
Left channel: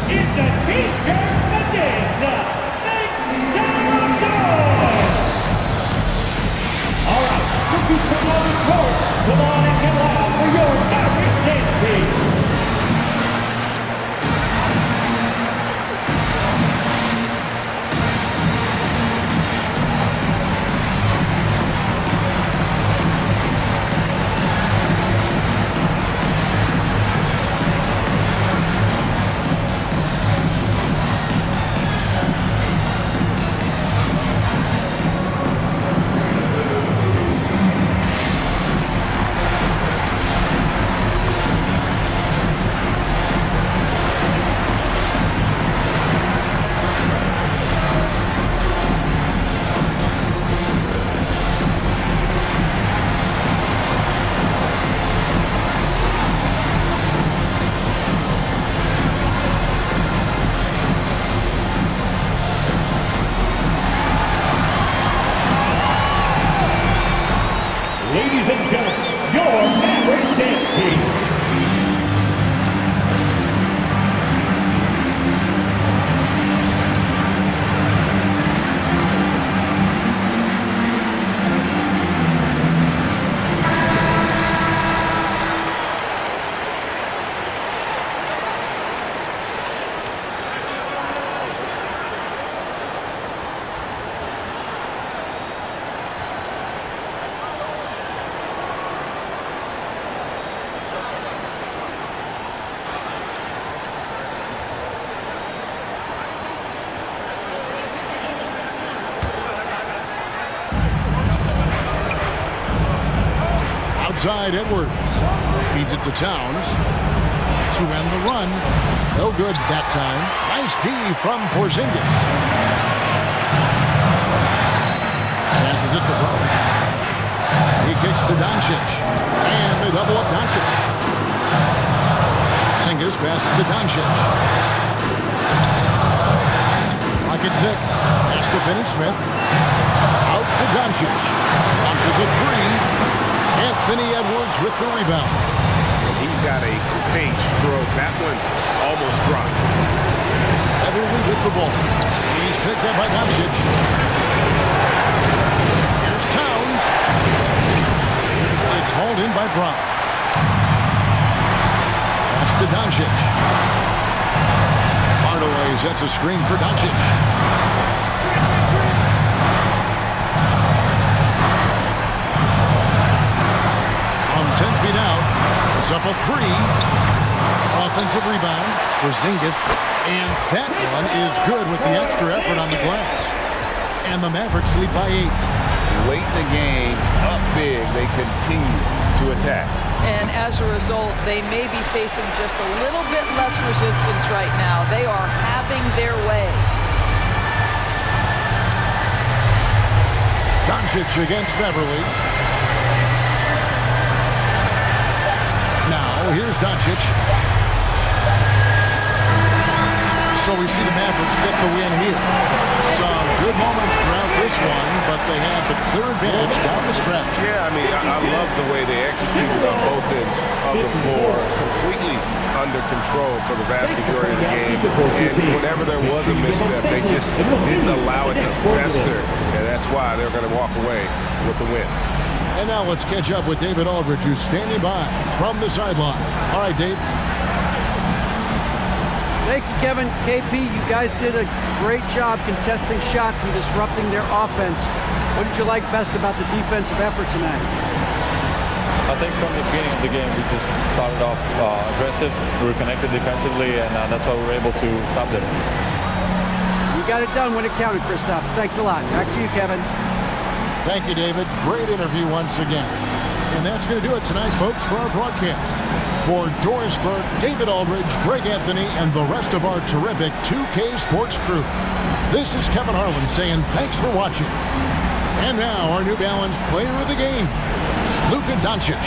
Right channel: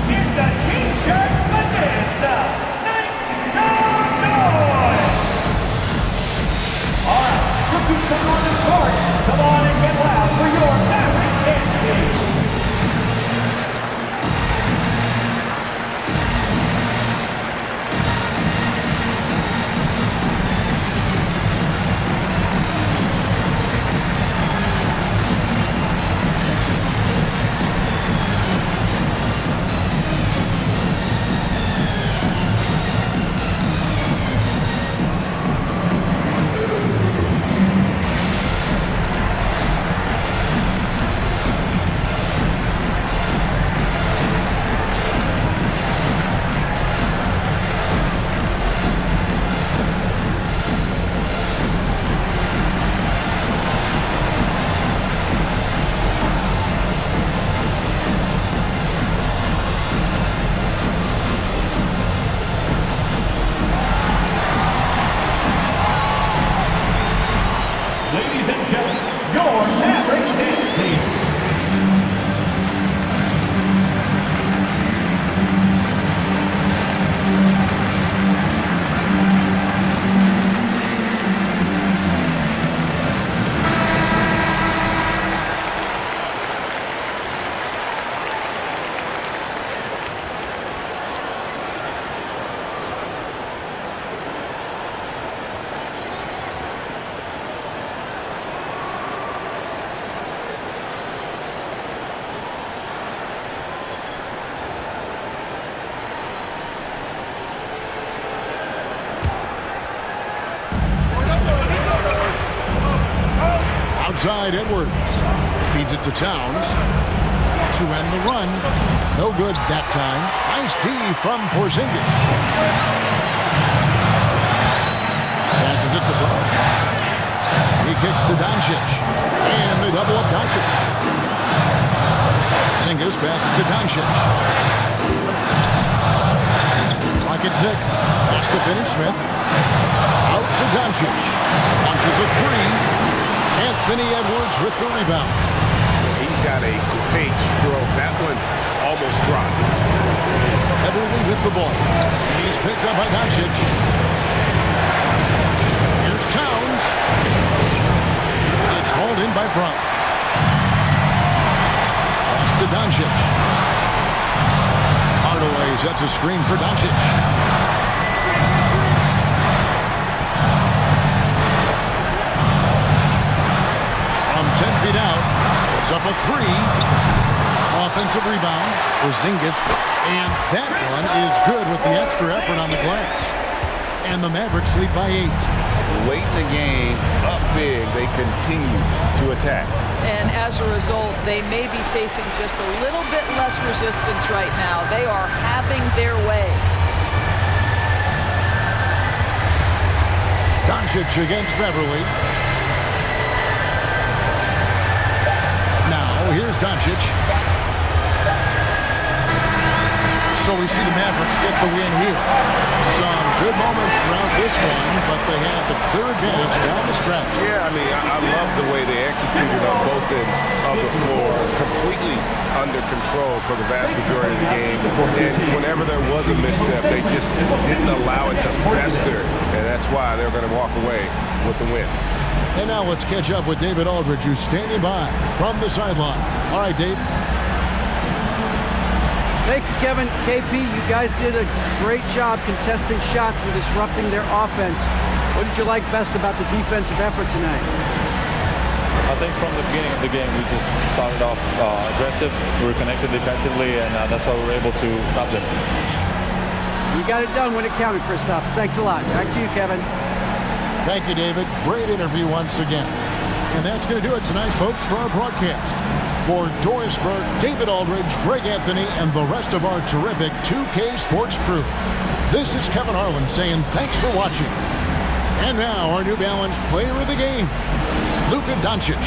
It's a T-shirt bonanza. Make some noise. All right. Cookies come on the court. Come on and get loud for your Mavericks dance team. Outside Edwards. Feeds it to Towns. To end the run. No good that time. Nice D from Porzingis. Passes it to Brown. He kicks to Doncic. And they double up Doncic. Porzingis passes to Doncic. Clock at 6. Pass to Finney-Smith. Out to Doncic. Launches a three. Anthony Edwards with the rebound. He's got a great stroke. That one almost dropped. Everly with the ball. He's picked up by Doncic. Here's Towns. It's hauled in by Brown. Pass to Doncic. Hardaway sets a screen for Doncic. From 10 feet out, it's up a three. Offensive rebound for Porzingis. And that one is good with the extra effort on the glass. And the Mavericks lead by 8. Late in the game, up big, they continue to attack. And as a result, they may be facing just a little bit less resistance right now. They are having their way. Doncic against Beverly. Now, here's Doncic. So we see the Mavericks get the win here. Some good moments throughout this one, but they have the clear advantage down the stretch. Yeah, I mean, I love the way they executed on both ends of the floor. Completely under control for the vast majority of the game. And whenever there was a misstep, they just didn't allow it to fester. And that's why they're going to walk away with the win. And now let's catch up with David Aldridge, who's standing by from the sideline. All right, Dave. Thank you, Kevin. KP, you guys did a great job contesting shots and disrupting their offense. What did you like best about the defensive effort tonight? I think from the beginning of the game, we just started off aggressive. We were connected defensively, and that's why we were able to stop them. You got it done when it counted, Kristaps. Thanks a lot. Back to you, Kevin. Thank you, David. Great interview once again. And that's going to do it tonight, folks, for our broadcast. For Doris Burke, David Aldridge, Greg Anthony, and the rest of our terrific 2K Sports crew, this is Kevin Harlan saying thanks for watching. And now, our New Balance player of the game, Luka Doncic.